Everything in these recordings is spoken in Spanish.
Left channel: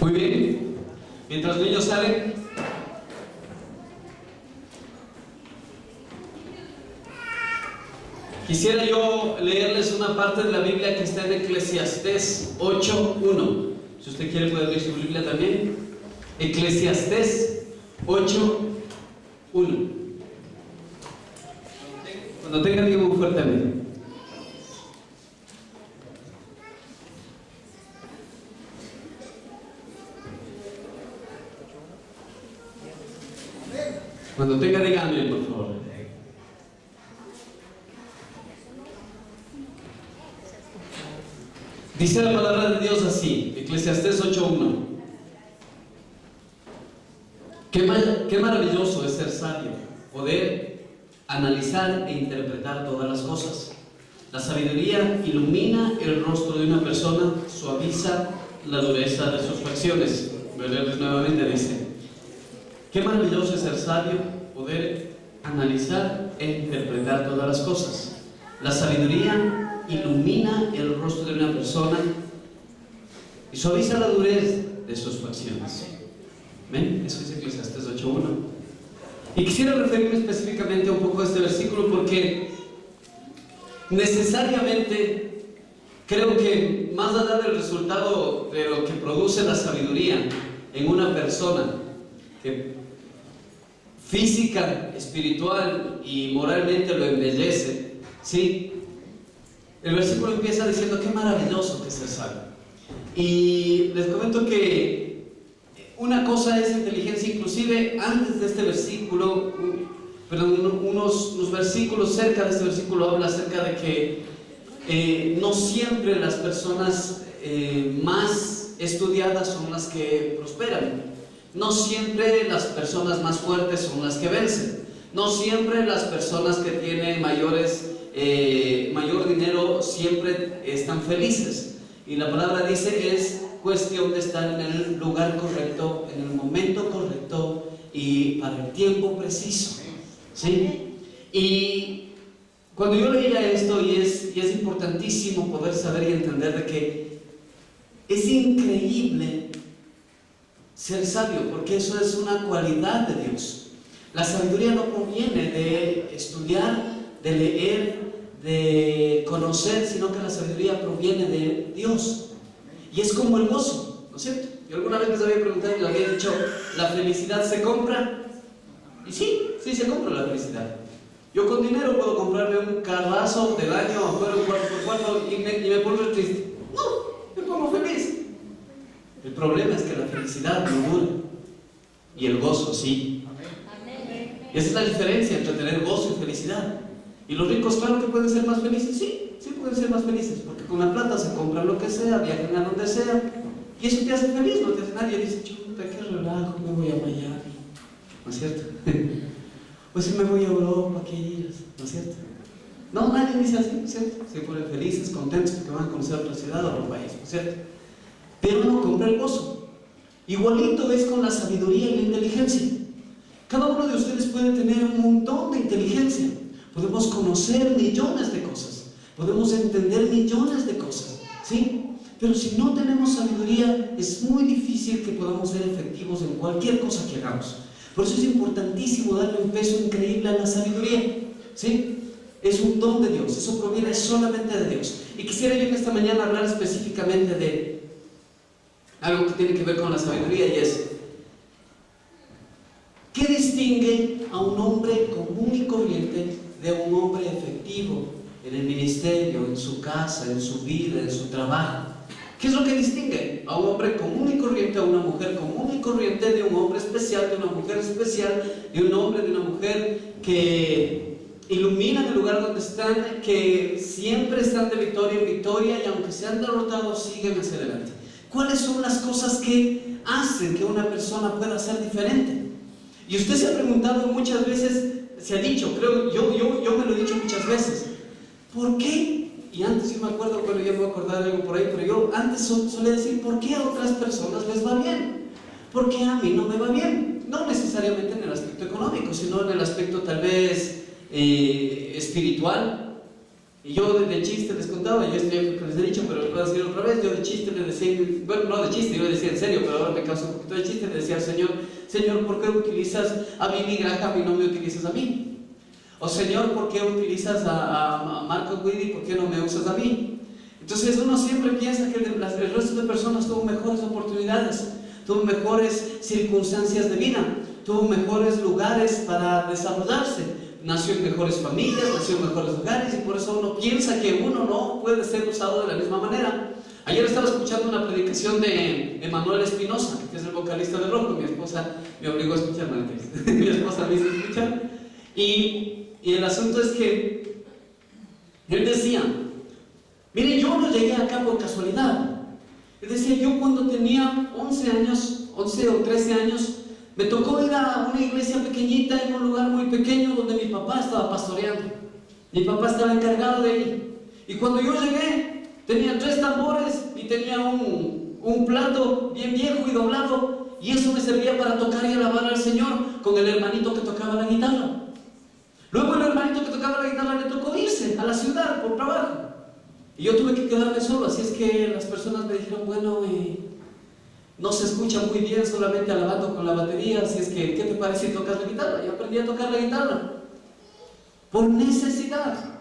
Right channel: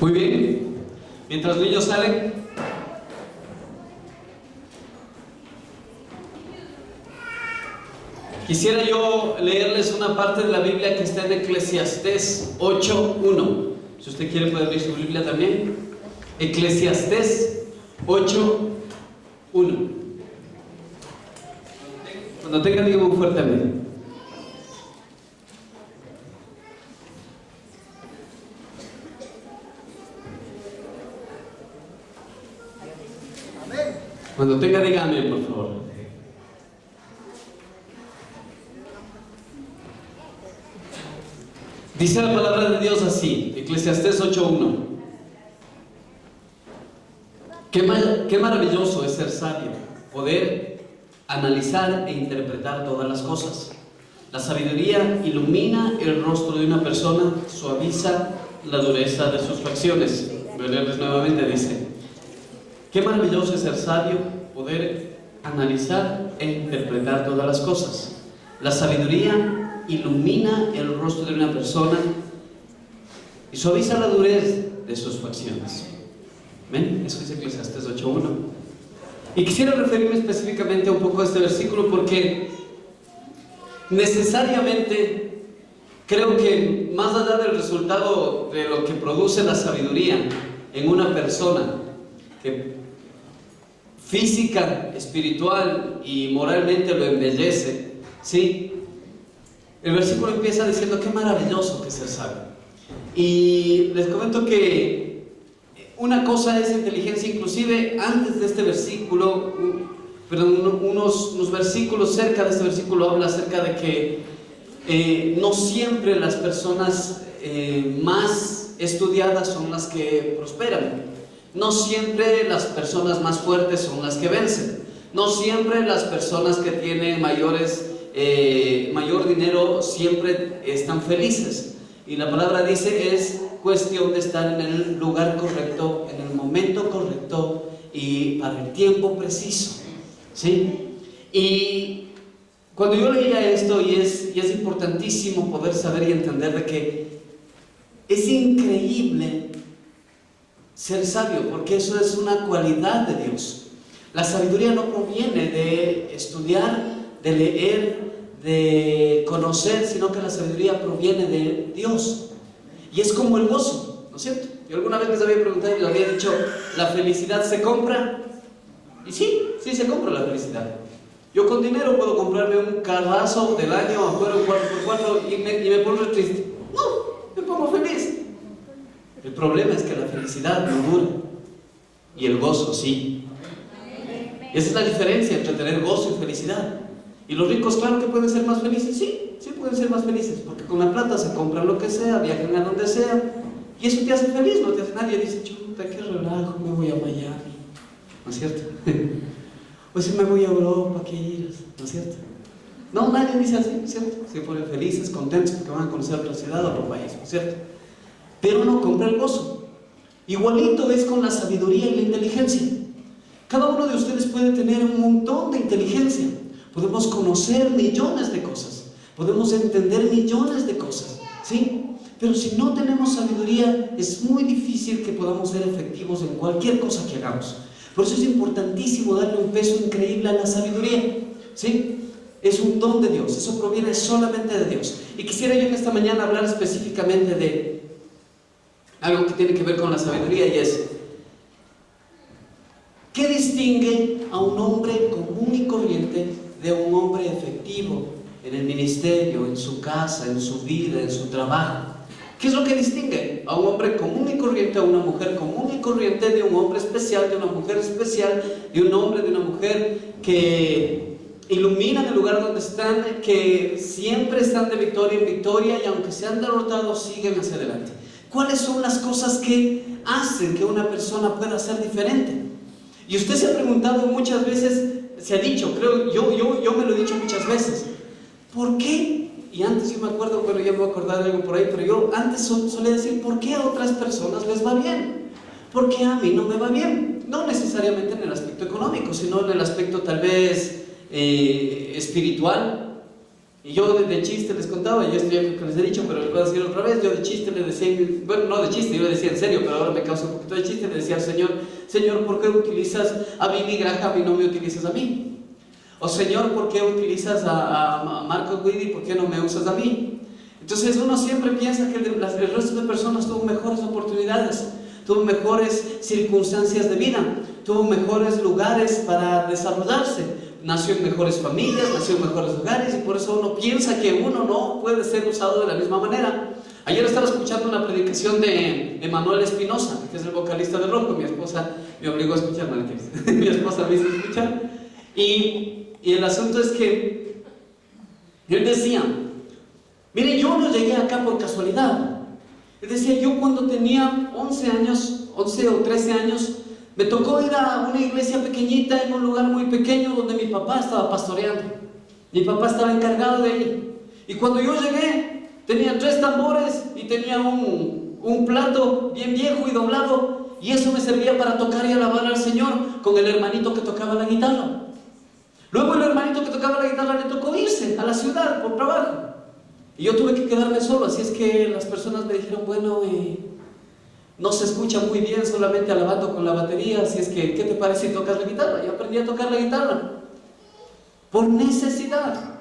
Muy bien. Mientras los niños salen, quisiera yo leerles una parte de la Biblia que está en Eclesiastés 8:1. Si usted quiere puede abrir su Biblia también. Eclesiastés 8:1. Cuando tenga, diga muy fuerte amén. Cuando tenga, diga amén, por favor. Dice la palabra de Dios así, Eclesiastés 8:1. Qué maravilloso es ser sabio, poder analizar e interpretar todas las cosas. La sabiduría ilumina el rostro de una persona, suaviza la dureza de sus facciones. Voy a leerles nuevamente, dice: qué maravilloso es ser sabio, poder analizar e interpretar todas las cosas. La sabiduría ilumina el rostro de una persona y suaviza la dureza de sus facciones. ¿Ven? Eso dice Eclesiastés 8:1. Y quisiera referirme específicamente un poco a este versículo porque necesariamente creo que más allá del resultado de lo que produce la sabiduría en una persona, que física, espiritual y moralmente lo embellece, ¿sí? El versículo empieza diciendo qué maravilloso que es ser sabio. Y les comento que una cosa es inteligencia, inclusive antes de este versículo, unos versículos cerca de este versículo habla acerca de que no siempre las personas más estudiadas son las que prosperan. No siempre las personas más fuertes son las que vencen. No siempre las personas que tienen mayor dinero siempre están felices. Y la palabra dice, es cuestión de estar en el lugar correcto, en el momento correcto y para el tiempo preciso, ¿sí? Y cuando yo leía esto, y es importantísimo poder saber y entender de que es increíble ser sabio, porque eso es una cualidad de Dios. La sabiduría no proviene de estudiar, de leer, de conocer, sino que la sabiduría proviene de Dios. Y es como el gozo, ¿no es cierto? Yo alguna vez les había preguntado y les había dicho, ¿la felicidad se compra? Y sí se compra la felicidad. Yo con dinero puedo comprarme un carrazo del año afuera, un 4x4 y me pongo triste. No, me pongo feliz. El problema es que la felicidad no dura y el gozo sí. Y esa es la diferencia entre tener gozo y felicidad. Y los ricos, claro que pueden ser más felices, sí pueden ser más felices, porque con la plata se compran lo que sea, viajan a donde sea, y eso te hace feliz, no te hace nadie. Dice, chuta, qué relajo, me voy a Miami, ¿no es cierto? O si me voy a Europa, qué iras, ¿no es cierto? No, nadie dice así, ¿no es cierto? Se ponen felices, contentos porque van a conocer otra ciudad o otro país, ¿no es cierto? Pero no compra el gozo. Igualito es con la sabiduría y la inteligencia. Cada uno de ustedes puede tener un montón de inteligencia. Podemos conocer millones de cosas, podemos entender millones de cosas, ¿sí? Pero si no tenemos sabiduría, es muy difícil que podamos ser efectivos en cualquier cosa que hagamos. Por eso es importantísimo darle un peso increíble a la sabiduría, ¿sí? Es un don de Dios, eso proviene solamente de Dios. Y quisiera yo que esta mañana hablar específicamente de algo que tiene que ver con la sabiduría, y es ¿qué distingue a un hombre común y corriente de un hombre efectivo en el ministerio, en su casa, en su vida, en su trabajo? ¿Qué es lo que distingue a un hombre común y corriente, a una mujer común y corriente, de un hombre especial, de una mujer especial, de un hombre, de una mujer que iluminan el lugar donde están, que siempre están de victoria en victoria y aunque sean derrotados siguen hacia adelante? ¿Cuáles son las cosas que hacen que una persona pueda ser diferente? Y usted se ha preguntado muchas veces, se ha dicho, creo, yo me lo he dicho muchas veces, ¿por qué? Y antes yo me acuerdo, bueno, yo me voy a acordar de algo por ahí, pero yo antes solía decir, ¿por qué a otras personas les va bien? ¿Por qué a mí no me va bien? No necesariamente en el aspecto económico, sino en el aspecto tal vez espiritual. Y yo de chiste les contaba, yo esto ya creo que les he dicho, pero les voy a decir otra vez, yo de chiste le decía, bueno, no de chiste, yo le decía en serio, pero ahora me causa un poquito de chiste, le decía al Señor, Señor, ¿por qué utilizas a Billy Graham y no me utilizas a mí? O Señor, ¿por qué utilizas a Marcos Witt y por qué no me usas a mí? Entonces uno siempre piensa que el resto de personas tuvo mejores oportunidades, tuvo mejores circunstancias de vida, tuvo mejores lugares para desarrollarse, nació en mejores familias, nació en mejores lugares, y por eso uno piensa que uno no puede ser usado de la misma manera. Ayer estaba escuchando una predicación de Emanuel Espinosa, que es el vocalista de Rojo. Mi esposa me obligó a escuchar, mi esposa me hizo escuchar, y el asunto es que él decía, mire, yo no llegué acá por casualidad. Él decía, yo cuando tenía 11 o 13 años, me tocó ir a una iglesia pequeñita en un lugar muy pequeño donde mi papá estaba pastoreando. Mi papá estaba encargado de ahí. Y cuando yo llegué, tenía 3 tambores y tenía un plato bien viejo y doblado, y eso me servía para tocar y alabar al Señor con el hermanito que tocaba la guitarra. Luego el hermanito que tocaba la guitarra le tocó irse a la ciudad por trabajo. Y yo tuve que quedarme solo, así es que las personas me dijeron, bueno, no se escucha muy bien solamente alabando con la batería, así es que, ¿qué te parece si tocas la guitarra? Yo aprendí a tocar la guitarra, por necesidad.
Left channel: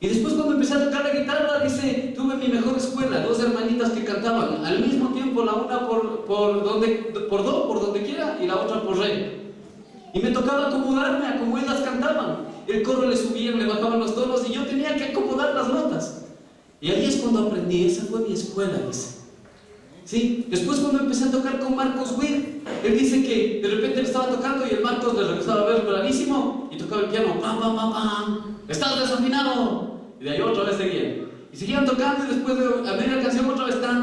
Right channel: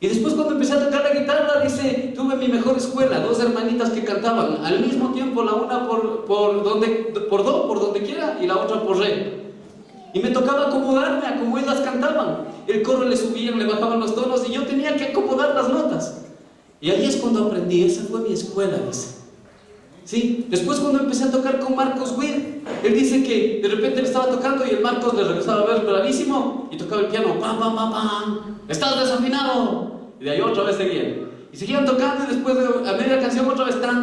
Y después cuando empecé a tocar la guitarra, dice, tuve mi mejor escuela, 2 hermanitas que cantaban al mismo tiempo, la una por donde quiera, y la otra por re. Y me tocaba acomodarme a como ellas cantaban. El coro le subían, le bajaban los tonos, y yo tenía que acomodar las notas. Y ahí es cuando aprendí, esa fue mi escuela, dice. ¿Sí? Después cuando empecé a tocar con Marcos Witt, él dice que de repente le estaba tocando y el Marcos le regresaba a ver bravísimo y tocaba el piano, pam, pam, pam, pam, estás desafinado. Y de ahí otra vez seguían. Y seguían tocando, y después a media canción otra vez, tan,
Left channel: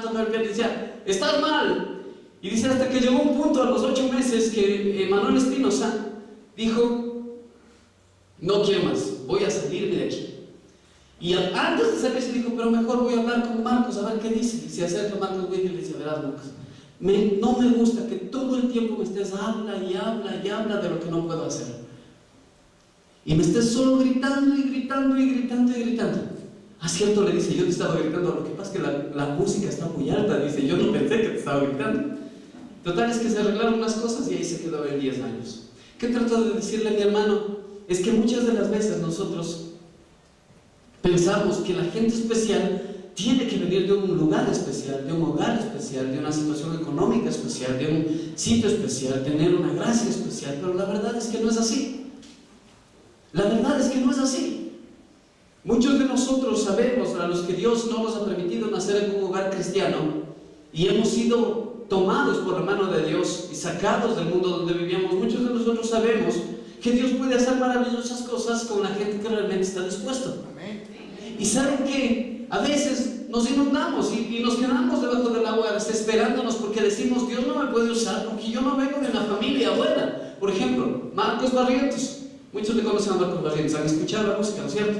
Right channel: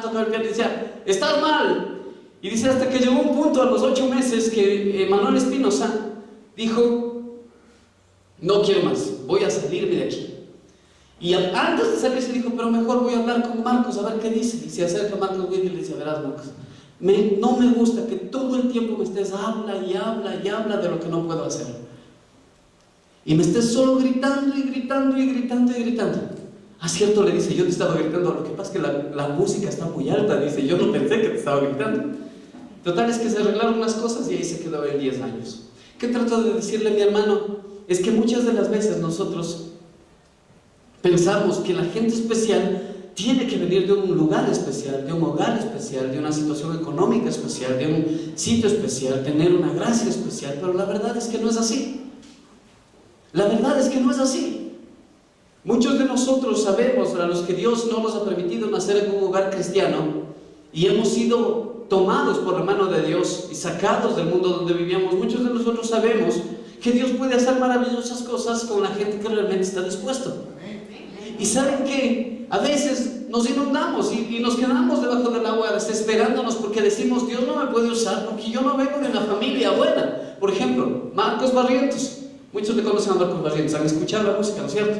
tocaba el piano y decía, estás mal. Y dice hasta que llegó un punto a los 8 meses que Emanuel Espinosa dijo, no quiero más, voy a salirme de aquí. Y antes de salirse dijo, pero mejor voy a hablar con Marcos a ver qué dice. Y se acerca a Marcos Witt y le dice, verás Marcos, no me gusta que todo el tiempo me estés habla y habla y habla de lo que no puedo hacer. Y me estés solo gritando y gritando y gritando y gritando. Ah, cierto, le dice, yo te estaba gritando, lo que pasa es que la música está muy alta, dice, yo no pensé que te estaba gritando. Total es que se arreglaron las cosas y ahí se quedó en 10 años. ¿Qué trato de decirle, mi hermano? Es que muchas de las veces nosotros pensamos que la gente especial tiene que venir de un lugar especial, de un hogar especial, de una situación económica especial, de un sitio especial, tener una gracia especial, pero la verdad es que no es así. La verdad es que no es así. Muchos de nosotros sabemos, a los que Dios no nos ha permitido nacer en un hogar cristiano, y hemos sido tomados por la mano de Dios y sacados del mundo donde vivíamos, muchos de nosotros sabemos que Dios puede hacer maravillosas cosas con la gente que realmente está dispuesto. Y saben que a veces nos inundamos y nos quedamos debajo del agua desesperándonos porque decimos, Dios no me puede usar porque yo no vengo de una familia buena. Por ejemplo, Marcos Barrientos. Muchos le conocen a Marcos Barrientos, han escuchado la música, ¿no es cierto?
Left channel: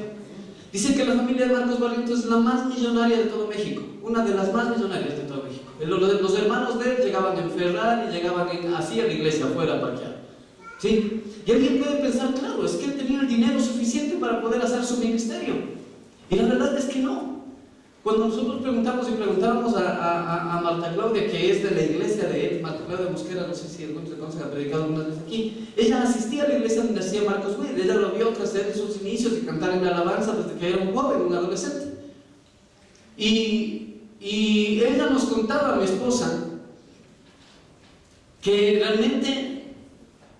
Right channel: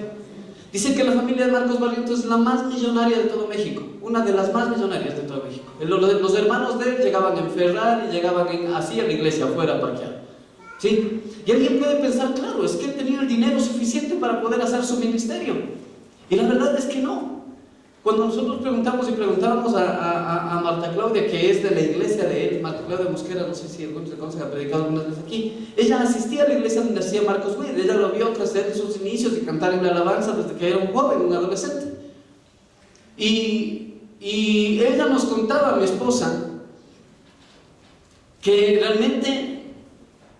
Dicen que la familia de Marcos Barrientos es la más millonaria de todo México, una de las más millonarias de todo México. Los hermanos de él llegaban en Ferrari, llegaban así a la iglesia afuera parqueada. ¿Sí? Y alguien puede pensar, claro, es que él tenía el dinero suficiente para poder hacer su ministerio. Y la verdad es que no. Cuando nosotros preguntamos y preguntábamos a Marta Claudia, que es de la iglesia de él, Marta Claudia Mosquera, no sé si algunos le conocen, ha predicado algunas veces aquí, ella asistía a la iglesia donde hacía Marcos Witt, ella lo vio crecer en sus inicios y cantar en la alabanza desde que era un joven, un adolescente. Y ella nos contaba, mi esposa, que realmente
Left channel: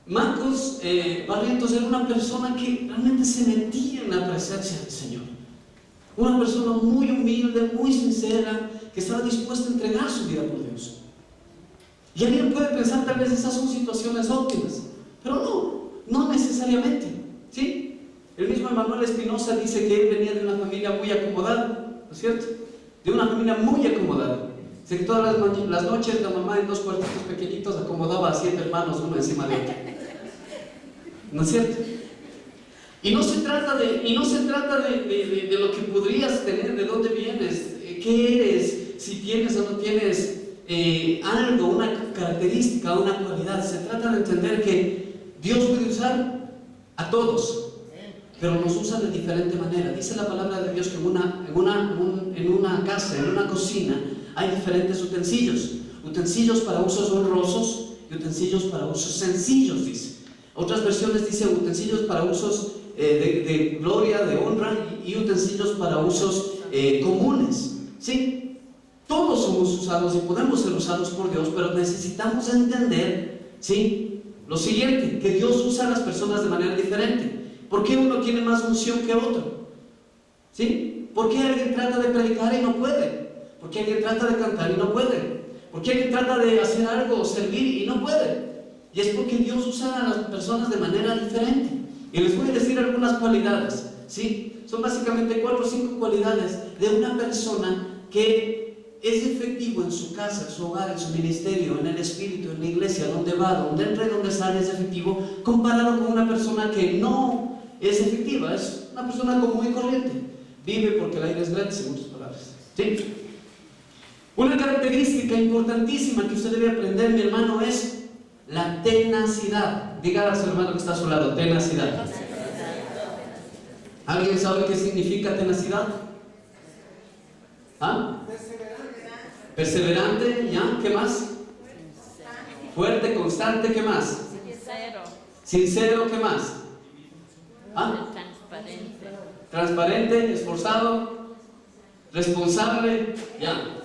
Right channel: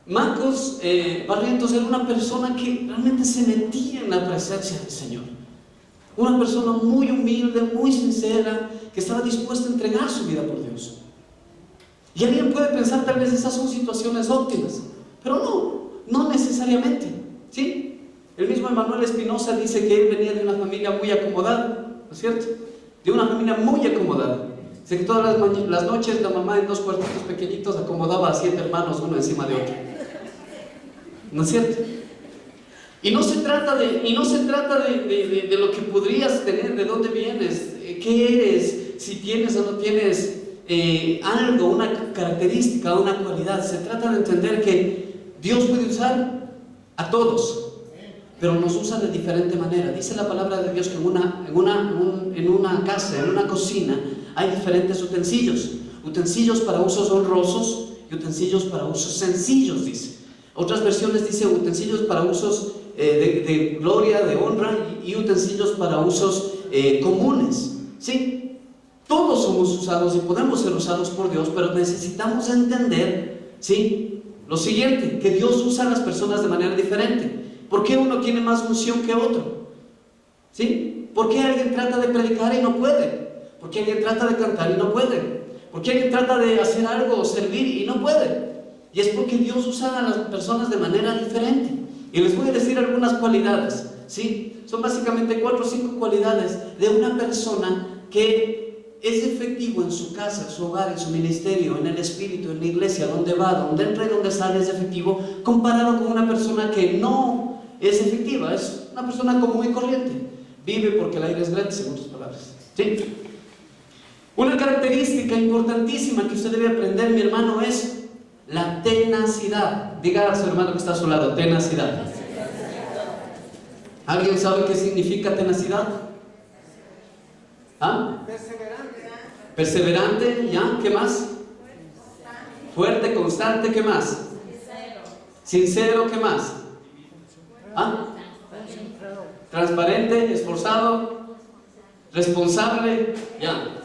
Marcos Barrientos era una persona que realmente se metía en la presencia del Señor. Una persona muy humilde, muy sincera, que estaba dispuesta a entregar su vida por Dios. Y alguien puede pensar, tal vez esas son situaciones óptimas, pero no necesariamente, ¿sí? El mismo Emanuel Espinosa dice que él venía de una familia muy acomodada, ¿no es cierto? De una familia muy acomodada. Dice que todas las noches la mamá en 2 cuartitos pequeñitos acomodaba a 7 hermanos uno encima de otro, ¿no es cierto? Y no se trata de lo que podrías tener, de dónde vienes, qué eres, si tienes o no tienes algo, una característica, una cualidad. Se trata de entender que Dios puede usar a todos, pero nos usa de diferente manera. Dice la palabra de Dios que en una casa, en una cocina, hay diferentes utensilios. Utensilios para usos honrosos y utensilios para usos sencillos, dice. Otras versiones dice utensilios para usos de gloria, de honra, y utensilios para usos comunes. ¿Sí? Todos somos usados y podemos ser usados por Dios, pero necesitamos entender, ¿sí?, lo siguiente, que Dios usa a las personas de manera diferente. ¿Por qué uno tiene más unción que otro? ¿Sí? ¿Por qué alguien trata de predicar y no puede? ¿Por qué alguien trata de cantar y no puede? ¿Por qué alguien trata de hacer algo o servir y no puede? Y es porque Dios usa a las personas de manera diferente. Y les voy a decir algunas cualidades, ¿sí? Son básicamente 4 o 5 cualidades de una persona que es efectivo en su casa, en su hogar, en su ministerio, en el espíritu, en la iglesia, donde va, donde entra y donde sale, es efectivo, comparado con una persona que no es efectiva, es una persona común y corriente. Vive porque el aire es gratis, en otras palabras, ¿sí? Una característica importantísima que usted debe aprender, mi hermano, es la tenacidad. Diga a su hermano que está a su lado, tenacidad. ¿Alguien sabe qué significa tenacidad? ¿Ah? Perseverante, ¿ya? ¿Qué más? Fuerte, constante, ¿qué más? Sincero, ¿qué más? ¿Ah? Transparente, esforzado, responsable, ya.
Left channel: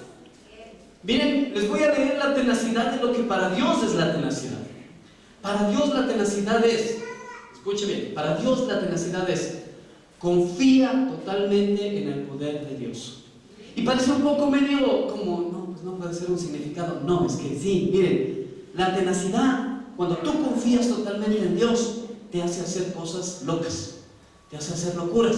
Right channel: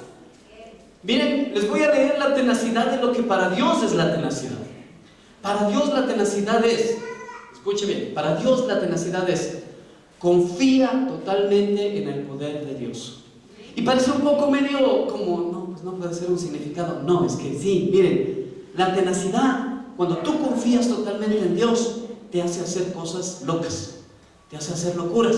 Miren, les voy a leer la tenacidad de lo que para Dios es la tenacidad. Para Dios la tenacidad es, escuche bien, para Dios la tenacidad es: confía totalmente en el poder de Dios. Y parece un poco medio como, no, pues no puede ser un significado. No, es que sí, miren, la tenacidad, cuando tú confías totalmente en Dios, te hace hacer cosas locas, te hace hacer locuras,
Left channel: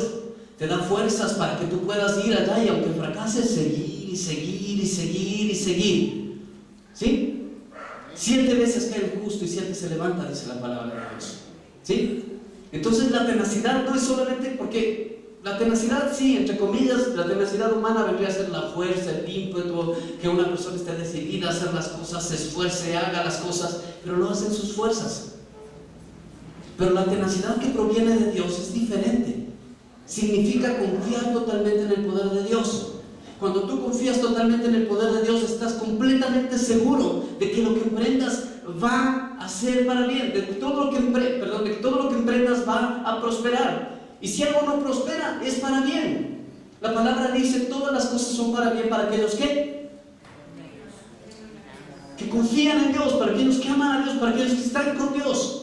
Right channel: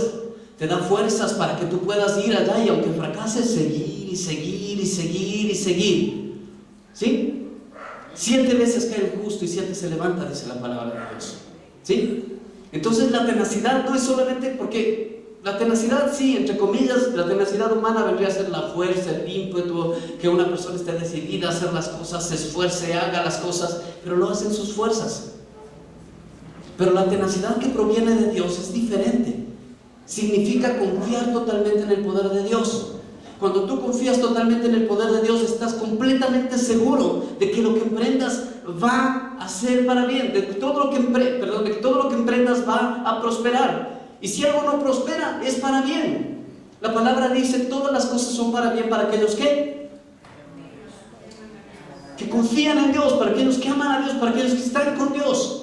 te da fuerzas para que tú puedas ir allá y aunque fracases, seguir y seguir y seguir y seguir. ¿Sí? 7 veces cae el justo y 7 se levanta, dice la palabra de Dios. ¿Sí? Entonces la tenacidad no es solamente porque la tenacidad, sí, entre comillas, la tenacidad humana vendría a ser la fuerza, el ímpetu, que una persona esté decidida a hacer las cosas, se esfuerce, haga las cosas, pero lo hacen sus fuerzas. Pero la tenacidad que proviene de Dios es diferente. Significa confiar totalmente en el poder de Dios. Cuando tú confías totalmente en el poder de Dios, estás completamente seguro de que lo que emprendas va a ser para bien, de que todo lo que emprendas va a prosperar. Y si algo no prospera, es para bien. La palabra dice: todas las cosas son para bien para aquellos que confían en Dios, para aquellos que aman a Dios, para aquellos que están con Dios.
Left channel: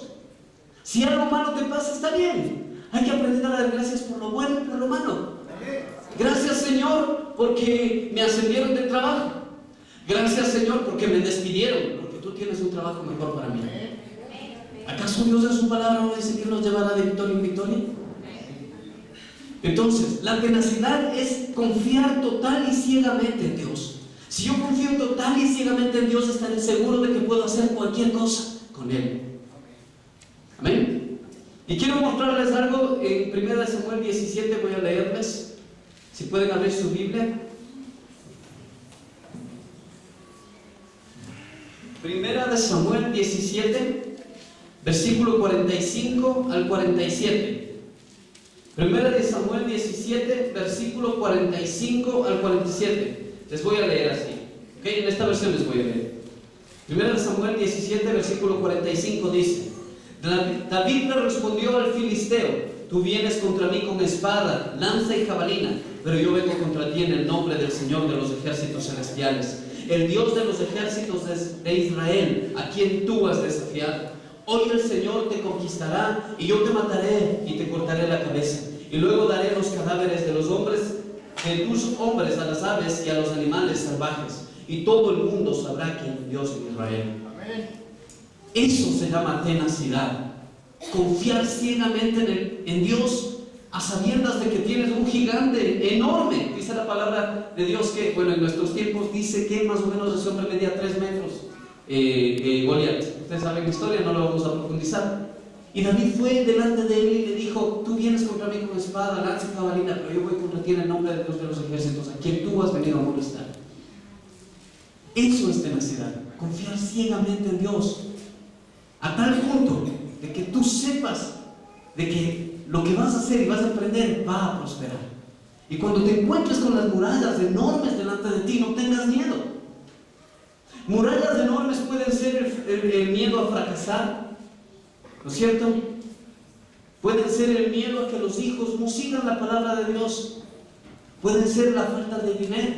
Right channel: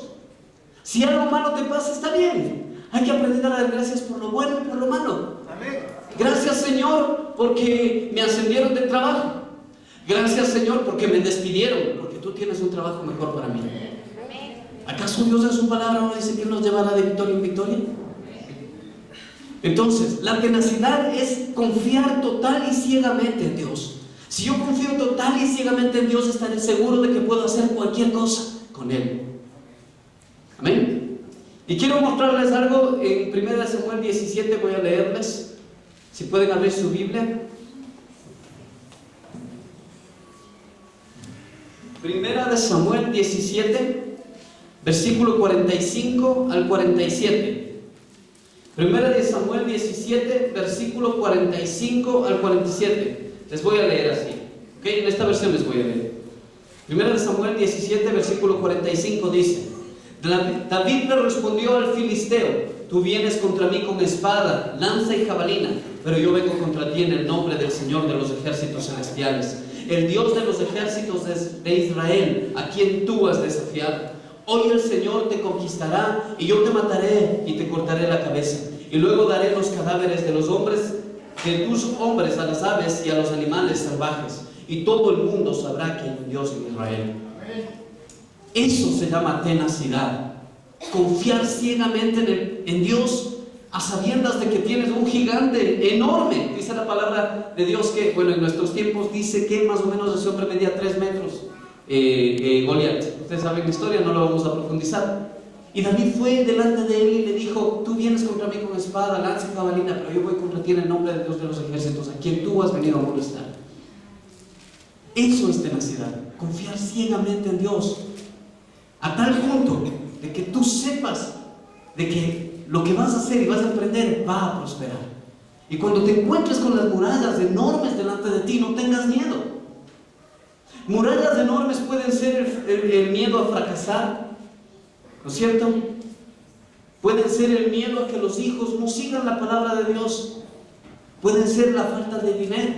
Si algo malo te pasa, está bien. Hay que aprender a dar gracias por lo bueno y por lo malo. Gracias, Señor, porque me ascendieron de trabajo. Gracias, Señor, porque me despidieron, porque tú tienes un trabajo mejor para mí. ¿Acaso Dios en su palabra no dice que nos llevará de victoria en victoria? Entonces, la tenacidad es confiar total y ciegamente en Dios. Si yo confío total y ciegamente en Dios, estaré seguro de que puedo hacer cualquier cosa con Él. Amén. Y quiero mostrarles algo en 1 Samuel 17, voy a leerles. Si pueden abrir su Biblia. 1 Samuel 17, versículo 45 al 47. 1 Samuel 17, versículo 45 al 47. Les voy a leer así. ¿Okay? En esta versión les voy a leer. 1 Samuel 17, versículo 45 dice: David le respondió al filisteo: tú vienes contra mí con espada, lanza y jabalina, pero yo vengo contra ti en el nombre del Señor de los ejércitos celestiales, el Dios de los ejércitos de Israel, a quien tú has desafiado. Hoy el Señor te conquistará y yo te mataré y te cortaré la cabeza, y luego daré los cadáveres de los hombres, de tus hombres, a las aves y a los animales salvajes, y todo el mundo sabrá que hay Dios en Israel. Eso se llama tenacidad. Confiar ciegamente en Dios, a sabiendas de que tienes un gigante enorme. Dice la palabra de Dios que, bueno, en nuestros tiempos dice que más o menos ese hombre medía 3 metros, Goliat. Ustedes saben la historia, no lo vamos a profundizar. Y David fue delante de él y le dijo: tú vienes contra mí con espada, lanza y jabalina, pero yo voy contra ti en el nombre de Dios de los ejércitos, a quien tú has venido a molestar. Eso es tenacidad, confiar ciegamente en Dios, a tal punto de que tú sepas de que lo que vas a hacer y vas a aprender va a prosperar. Y cuando te encuentres con las murallas enormes delante de ti, no tengas miedo. Murallas enormes pueden ser el miedo a fracasar, ¿no es cierto? Pueden ser el miedo a que los hijos no sigan la palabra de Dios. Pueden ser la falta de dinero.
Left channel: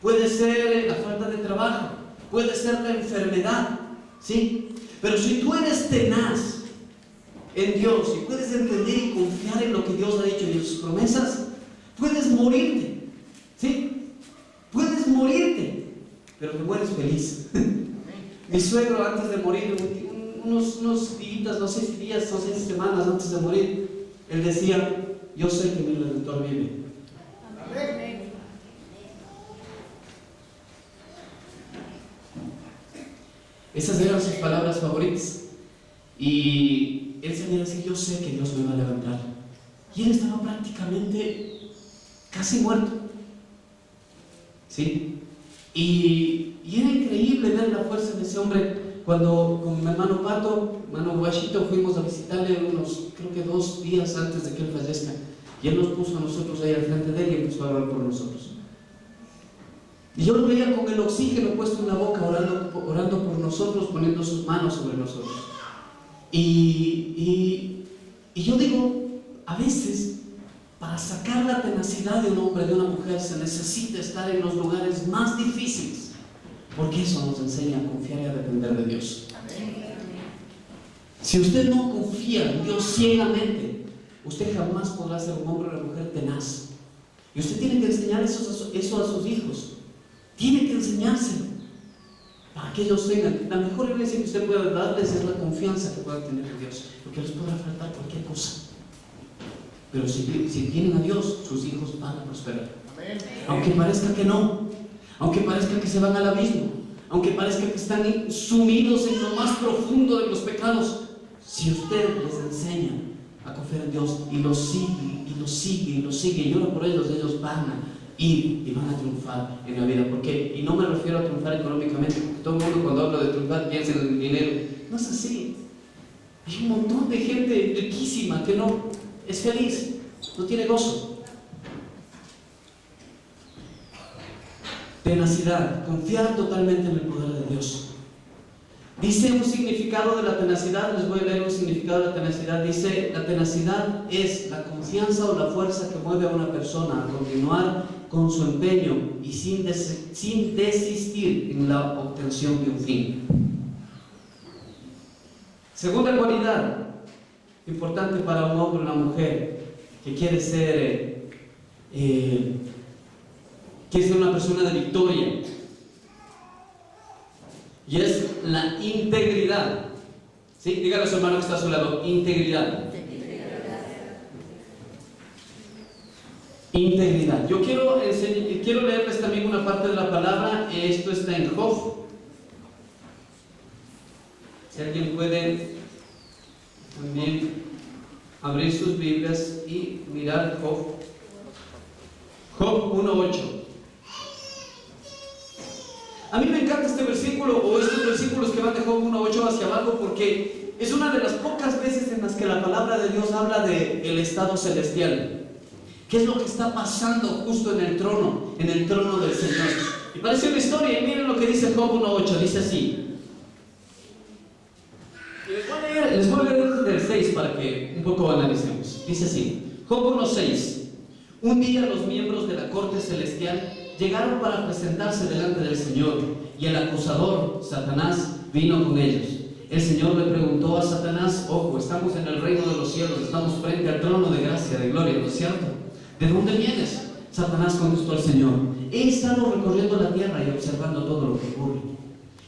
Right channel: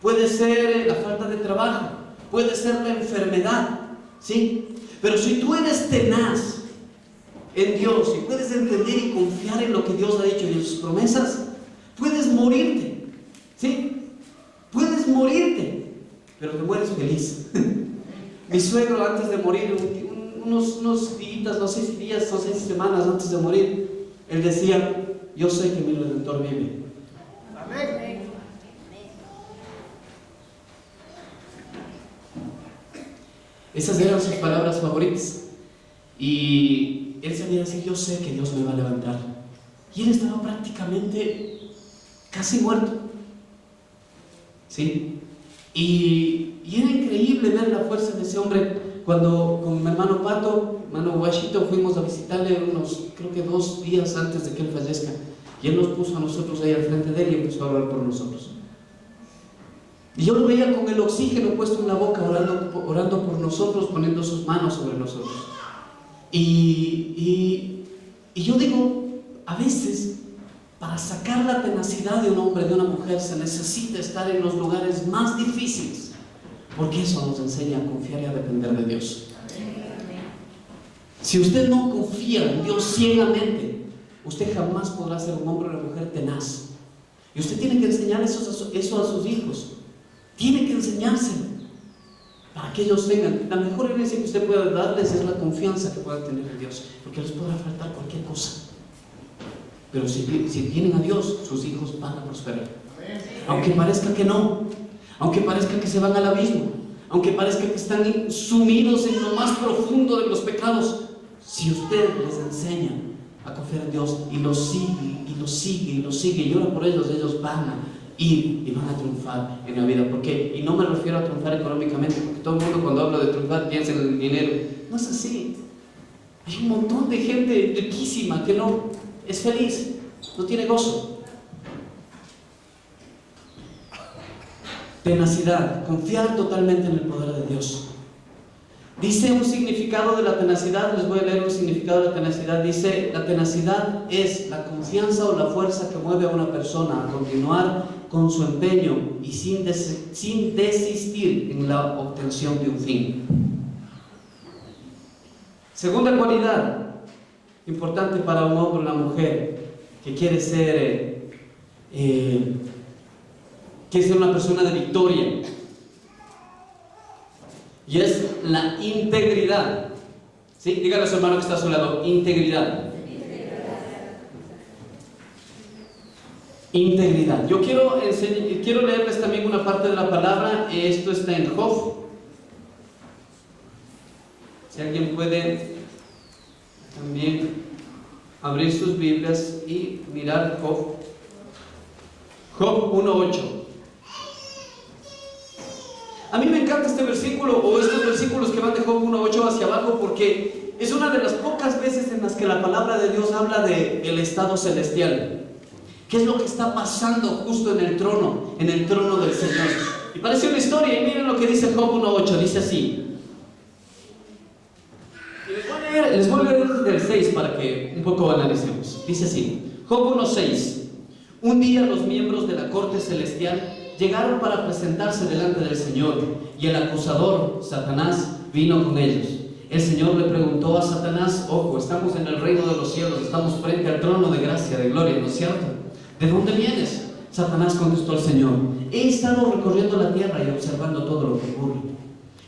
Puede ser la falta de trabajo. Puede ser la enfermedad, ¿sí? Pero si tú eres tenaz en Dios y puedes entender y confiar en lo que Dios ha dicho y en sus promesas, puedes morirte, ¿sí? Puedes morirte, pero te mueres feliz. Mi suegro, antes de morir, unos días, no sé si días, no sé si semanas antes de morir, él decía: yo sé que mi Redentor vive. Amén. Esas eran sus palabras favoritas. Y él sabía decir: yo sé que Dios me va a levantar. Y él estaba prácticamente casi muerto, ¿sí? Y era increíble ver la fuerza de ese hombre. Cuando con mi hermano Pato, hermano Guachito, fuimos a visitarle creo que 2 días antes de que él fallezca, y él nos puso a nosotros ahí al frente de él y empezó a hablar por nosotros. Y yo lo veía con el oxígeno puesto en la boca, orando por nosotros, poniendo sus manos sobre nosotros. Y yo digo, a veces, para sacar la tenacidad de un hombre, de una mujer, se necesita estar en los lugares más difíciles, porque eso nos enseña a confiar y a depender de Dios. Si usted no confía en Dios ciegamente, usted jamás podrá ser un hombre o una mujer tenaz. Y usted tiene que enseñar eso a sus hijos. Tiene que enseñárselo para que ellos tengan. La mejor herencia que usted pueda darles es la confianza que pueda tener en Dios, porque les podrá faltar cualquier cosa, pero si tienen a Dios, sus hijos van a prosperar. Aunque parezca que no, aunque parezca que se van al abismo, aunque parezca que están sumidos en lo más profundo de los pecados, si usted les enseña a confiar en Dios y los sigue y los sigue y los sigue y ora por ellos van a ir y van a triunfar en la vida. ¿Por qué? Y no me refiero a triunfar económicamente, porque todo el mundo cuando habla de triunfar piensa en el dinero. No es así. Hay un montón de gente riquísima que no es feliz, no tiene gozo. Tenacidad, confiar totalmente en el poder de Dios. Dice un significado de la tenacidad, les voy a leer un significado de la tenacidad. Dice: la tenacidad es la confianza o la fuerza que mueve a una persona a continuar con su empeño y sin desistir en la obtención de un fin. Segunda cualidad importante para un hombre o una mujer que quiere ser una persona de victoria, y es la integridad. ¿Sí? Dígale a su hermano que está a su lado: integridad. Integridad. Yo quiero leerles también una parte de la palabra. Esto está en Job. Si alguien puede también abrir sus Biblias y mirar Job. Job 1:8. A mí me encanta este versículo, o estos versículos que van de Job 1:8 hacia abajo, porque es una de las pocas veces en las que la palabra de Dios habla del estado celestial. ¿Qué es lo que está pasando justo en el trono del Señor? Y parece una historia, y miren lo que dice Job 1:8, dice así. Y les voy a leer desde el 6 para que un poco analicemos. Dice así, Job 1:6. Un día los miembros de la corte celestial llegaron para presentarse delante del Señor, y el acusador, Satanás, vino con ellos. El Señor le preguntó a Satanás: ojo, estamos en el reino de los cielos, estamos frente al trono de gracia, de gloria, ¿no es cierto? ¿De dónde vienes? Satanás contestó al Señor: he estado recorriendo la tierra y observando todo lo que ocurre.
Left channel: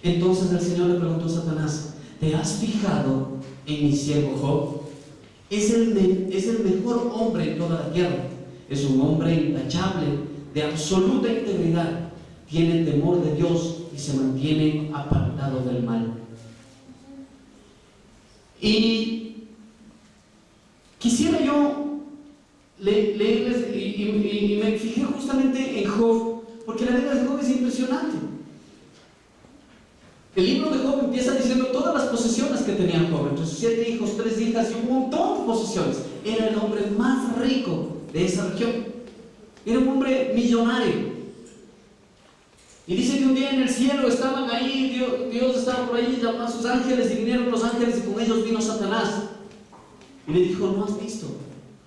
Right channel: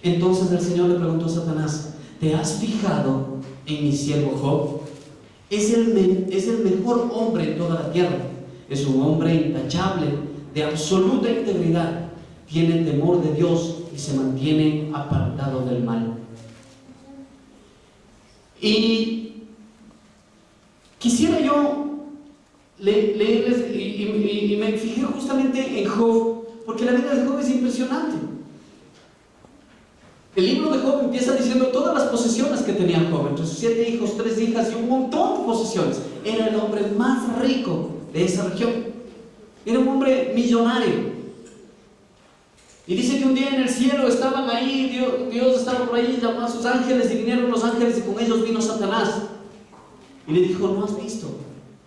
Entonces el Señor le preguntó a Satanás: ¿te has fijado en mi siervo Job? Es el mejor hombre en toda la tierra. Es un hombre intachable, de absoluta integridad, tiene temor de Dios y se mantiene apartado del mal. Y quisiera yo leerles, y me fijé justamente en Job, porque la vida de Job es impresionante. El libro de Job empieza diciendo todas las posesiones que tenía Job, entre sus 7 hijos, 3 hijas y un montón de posesiones. Era el hombre más rico de esa región. Era un hombre millonario. Y dice que un día en el cielo estaban ahí, Dios estaba por ahí, llamó a sus ángeles y vinieron los ángeles y con ellos vino Satanás. Y le dijo, ¿no has visto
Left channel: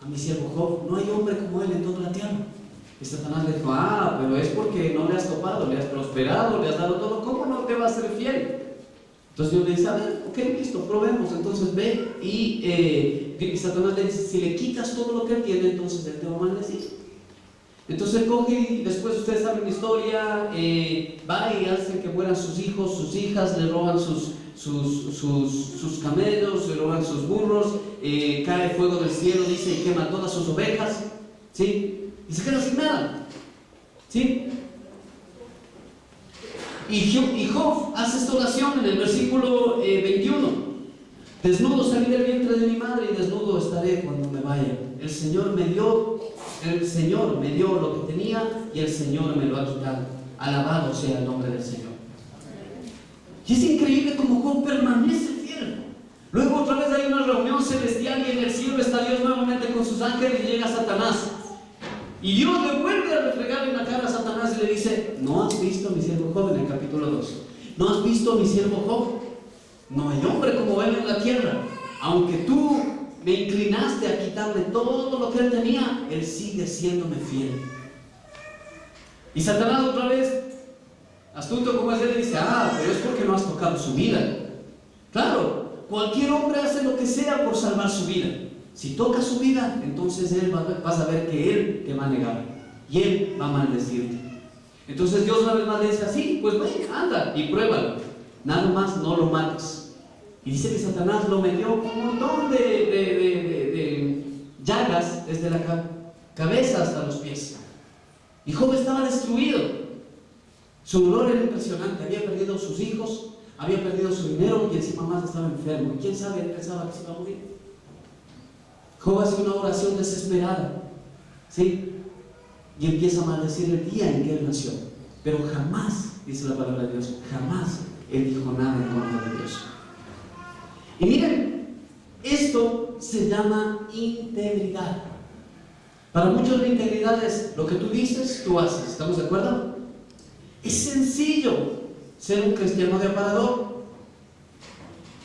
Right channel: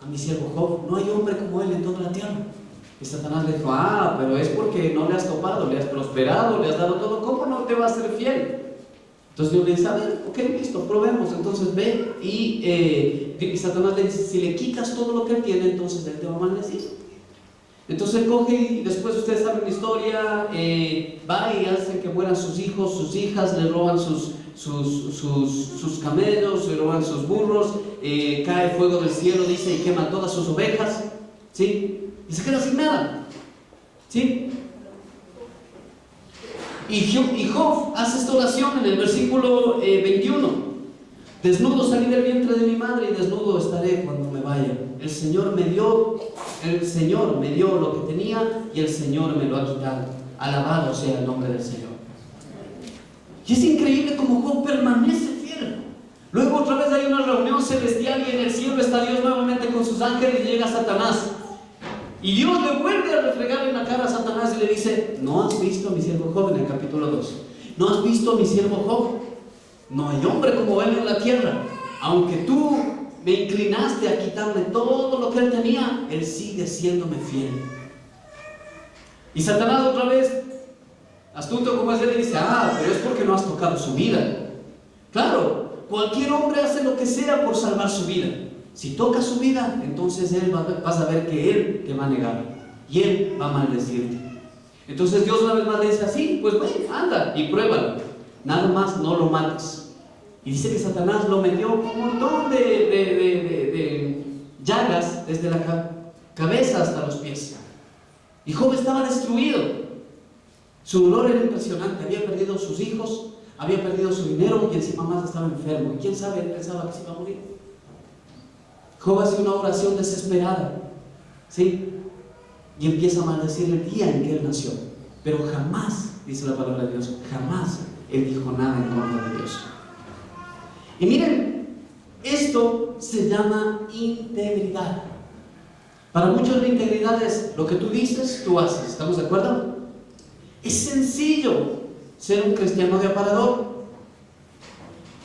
a mi siervo Job? No hay hombre como él en toda la tierra. Y Satanás le dijo, pero es porque no le has topado, le has prosperado, le has dado todo, ¿cómo no te va a ser fiel? Entonces Dios le dice, a ver, ok, listo, probemos. Entonces ve y Satanás le dice, si le quitas todo lo que él tiene, entonces él te va a maldecir. Entonces él coge y después ustedes saben la historia, va y hace que mueran sus hijos, sus hijas, le roban sus camellos, le roban sus burros, cae fuego del cielo, dice, y quema todas sus ovejas, ¿sí? Y se queda sin nada, ¿sí? Y Job hace esta oración en el versículo 21. Desnudo salí del vientre de mi madre y desnudo estaré cuando me vaya. El Señor me dio lo que tenía y el Señor me lo ha quitado. Alabado sea el nombre del Señor. Y es increíble cómo Job permanece fiel. Luego otra vez hay una reunión celestial y en el cielo está Dios nuevamente con sus ángeles y llega Satanás. Y Dios le vuelve a refregar en la cara a Satanás y le dice, ¿no has visto a mi siervo Job? En el capítulo 2. ¿No has visto a mi siervo Job? No hay hombre como él en la tierra. Aunque tú me inclinaste a quitarle todo lo que él tenía, él sigue siéndome fiel. Y Satanás otra vez, astuto como es él, dice, pero es porque no has tocado su vida. Claro, cualquier hombre hace lo que sea por salvar su vida. Si toca su vida, entonces él vas a ver que él te va a negar y él va a maldecirte. Entonces Dios una vez más le dice así, pues ven, anda y pruébalo. Nada más no lo mates. Y dice que Satanás lo metió con un montón de llagas desde la cabeza hasta los pies. Y Job estaba destruido. Su dolor era impresionante. Había perdido sus hijos, había perdido su dinero y encima más estaba enfermo. Y quién sabe, él pensaba que se iba a morir. Job hace una oración desesperada, ¿sí? Y empieza a maldecir el día en que él nació. Pero jamás, dice la palabra de Dios, jamás él dijo nada en contra de Dios. Y miren, esto se llama integridad. Para muchos la integridad es lo que tú dices, tú haces. ¿Estamos de acuerdo? Es sencillo ser un cristiano de aparador.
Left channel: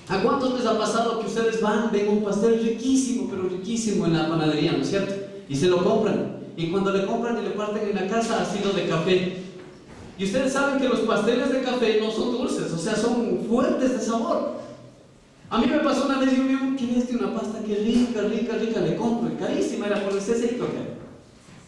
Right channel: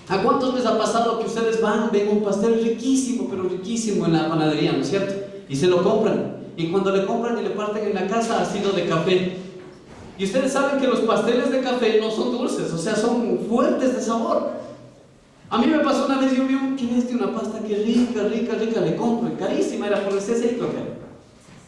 ¿A cuántos les ha pasado que ustedes ven un pastel riquísimo, pero riquísimo en la panadería, ¿no es cierto? Y se lo compran. Y cuando le compran y le parten en la casa, ha sido de café. Y ustedes saben que los pasteles de café no son dulces, o sea, son fuertes de sabor. A mí me pasó una vez, yo vi una pasta que rica, le compro, y carísima, era por el CCI, creo que era.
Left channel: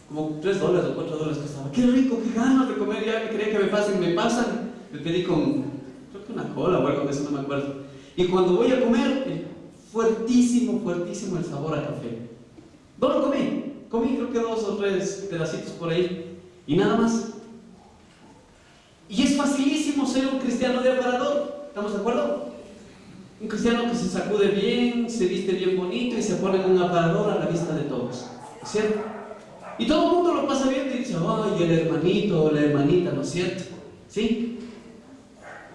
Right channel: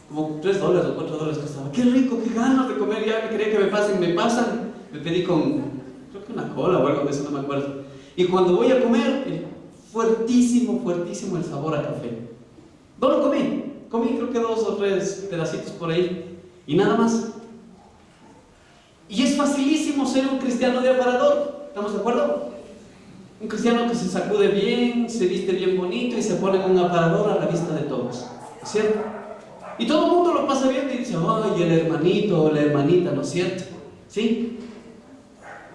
Como $3 o $4 costaba. Qué rico, qué ganas de comer, ya me quería que me pasan. Me pedí con, creo que una cola o algo de eso, no me acuerdo. Y cuando voy a comer, fuertísimo el sabor a café. No lo comí creo que 2 o 3 pedacitos por ahí, y nada más. Y es facilísimo ser un cristiano de aparador, ¿estamos de acuerdo? Un cristiano que se sacude bien, se viste bien bonito y se pone en un aparador a la vista de todos, ¿cierto? Y todo el mundo lo pasa bien y dice, ay, el hermanito o la hermanita, ¿no es cierto? ¿Sí?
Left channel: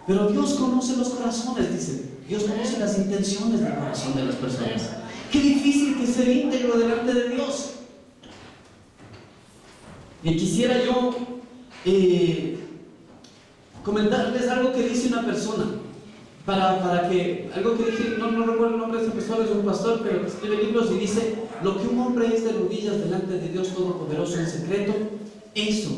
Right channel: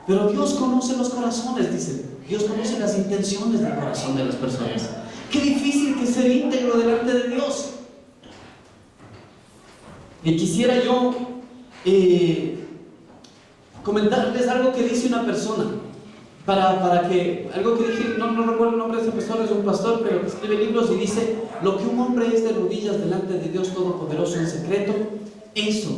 Pero Dios conoce los corazones, dice. Dios conoce las intenciones del corazón de las personas. Qué difícil que ser íntegro delante de Dios. Y quisiera yo comentarles algo que dice una persona. Algo que dije, no recuerdo el nombre de ese pastor, es un pastor, pero que escribe libros y dice: lo que un hombre es de rodillas delante de Dios Todopoderoso en secreto, eso,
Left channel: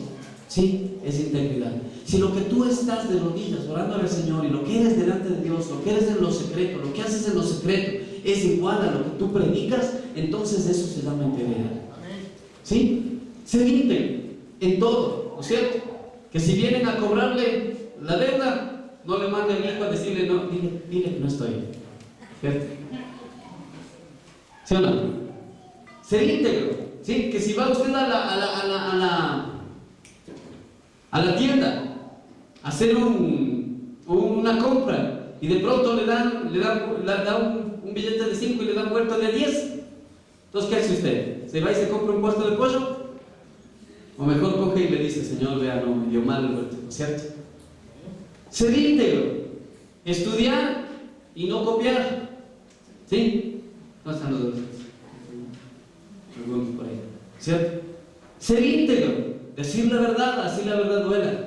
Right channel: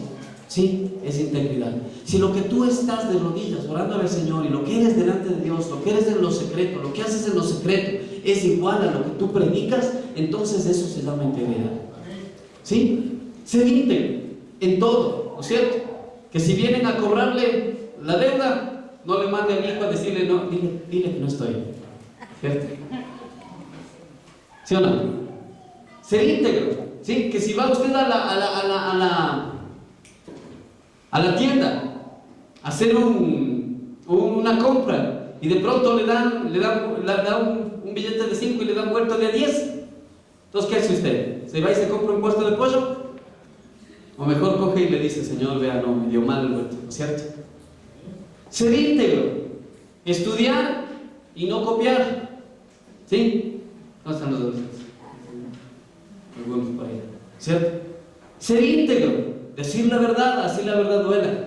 sí, es integridad. Si lo que tú estás de rodillas orando al Señor y lo que eres delante de Dios, lo que eres en lo secreto, lo que haces en lo secreto, es igual a lo que tú predicas, entonces eso se llama integridad. ¿Sí? Ser íntegro en todo, ¿no es cierto? Que si vienen a cobrarle la deuda, no le mande al hijo a decirle, no, dile que no estoy, ¿cierto? ¿Sí o no? Ser íntegro, ¿sí? Que si va usted a la tienda a hacer una compra y de pronto le dan un billete de 5 y le dan vuelto de 10, entonces ¿qué hace usted? ¿Se va y se compra un puesto de pollo? O mejor coge y le dice: Señor, vea, no, me dio mal el vuelto, ¿no es cierto? Ser íntegro Estudiar y no copiar. ¿Sí? ¿Dónde están los dos? Algunos por ahí. ¿Cierto? Ser íntegro, decir la verdad, así la verdad duela.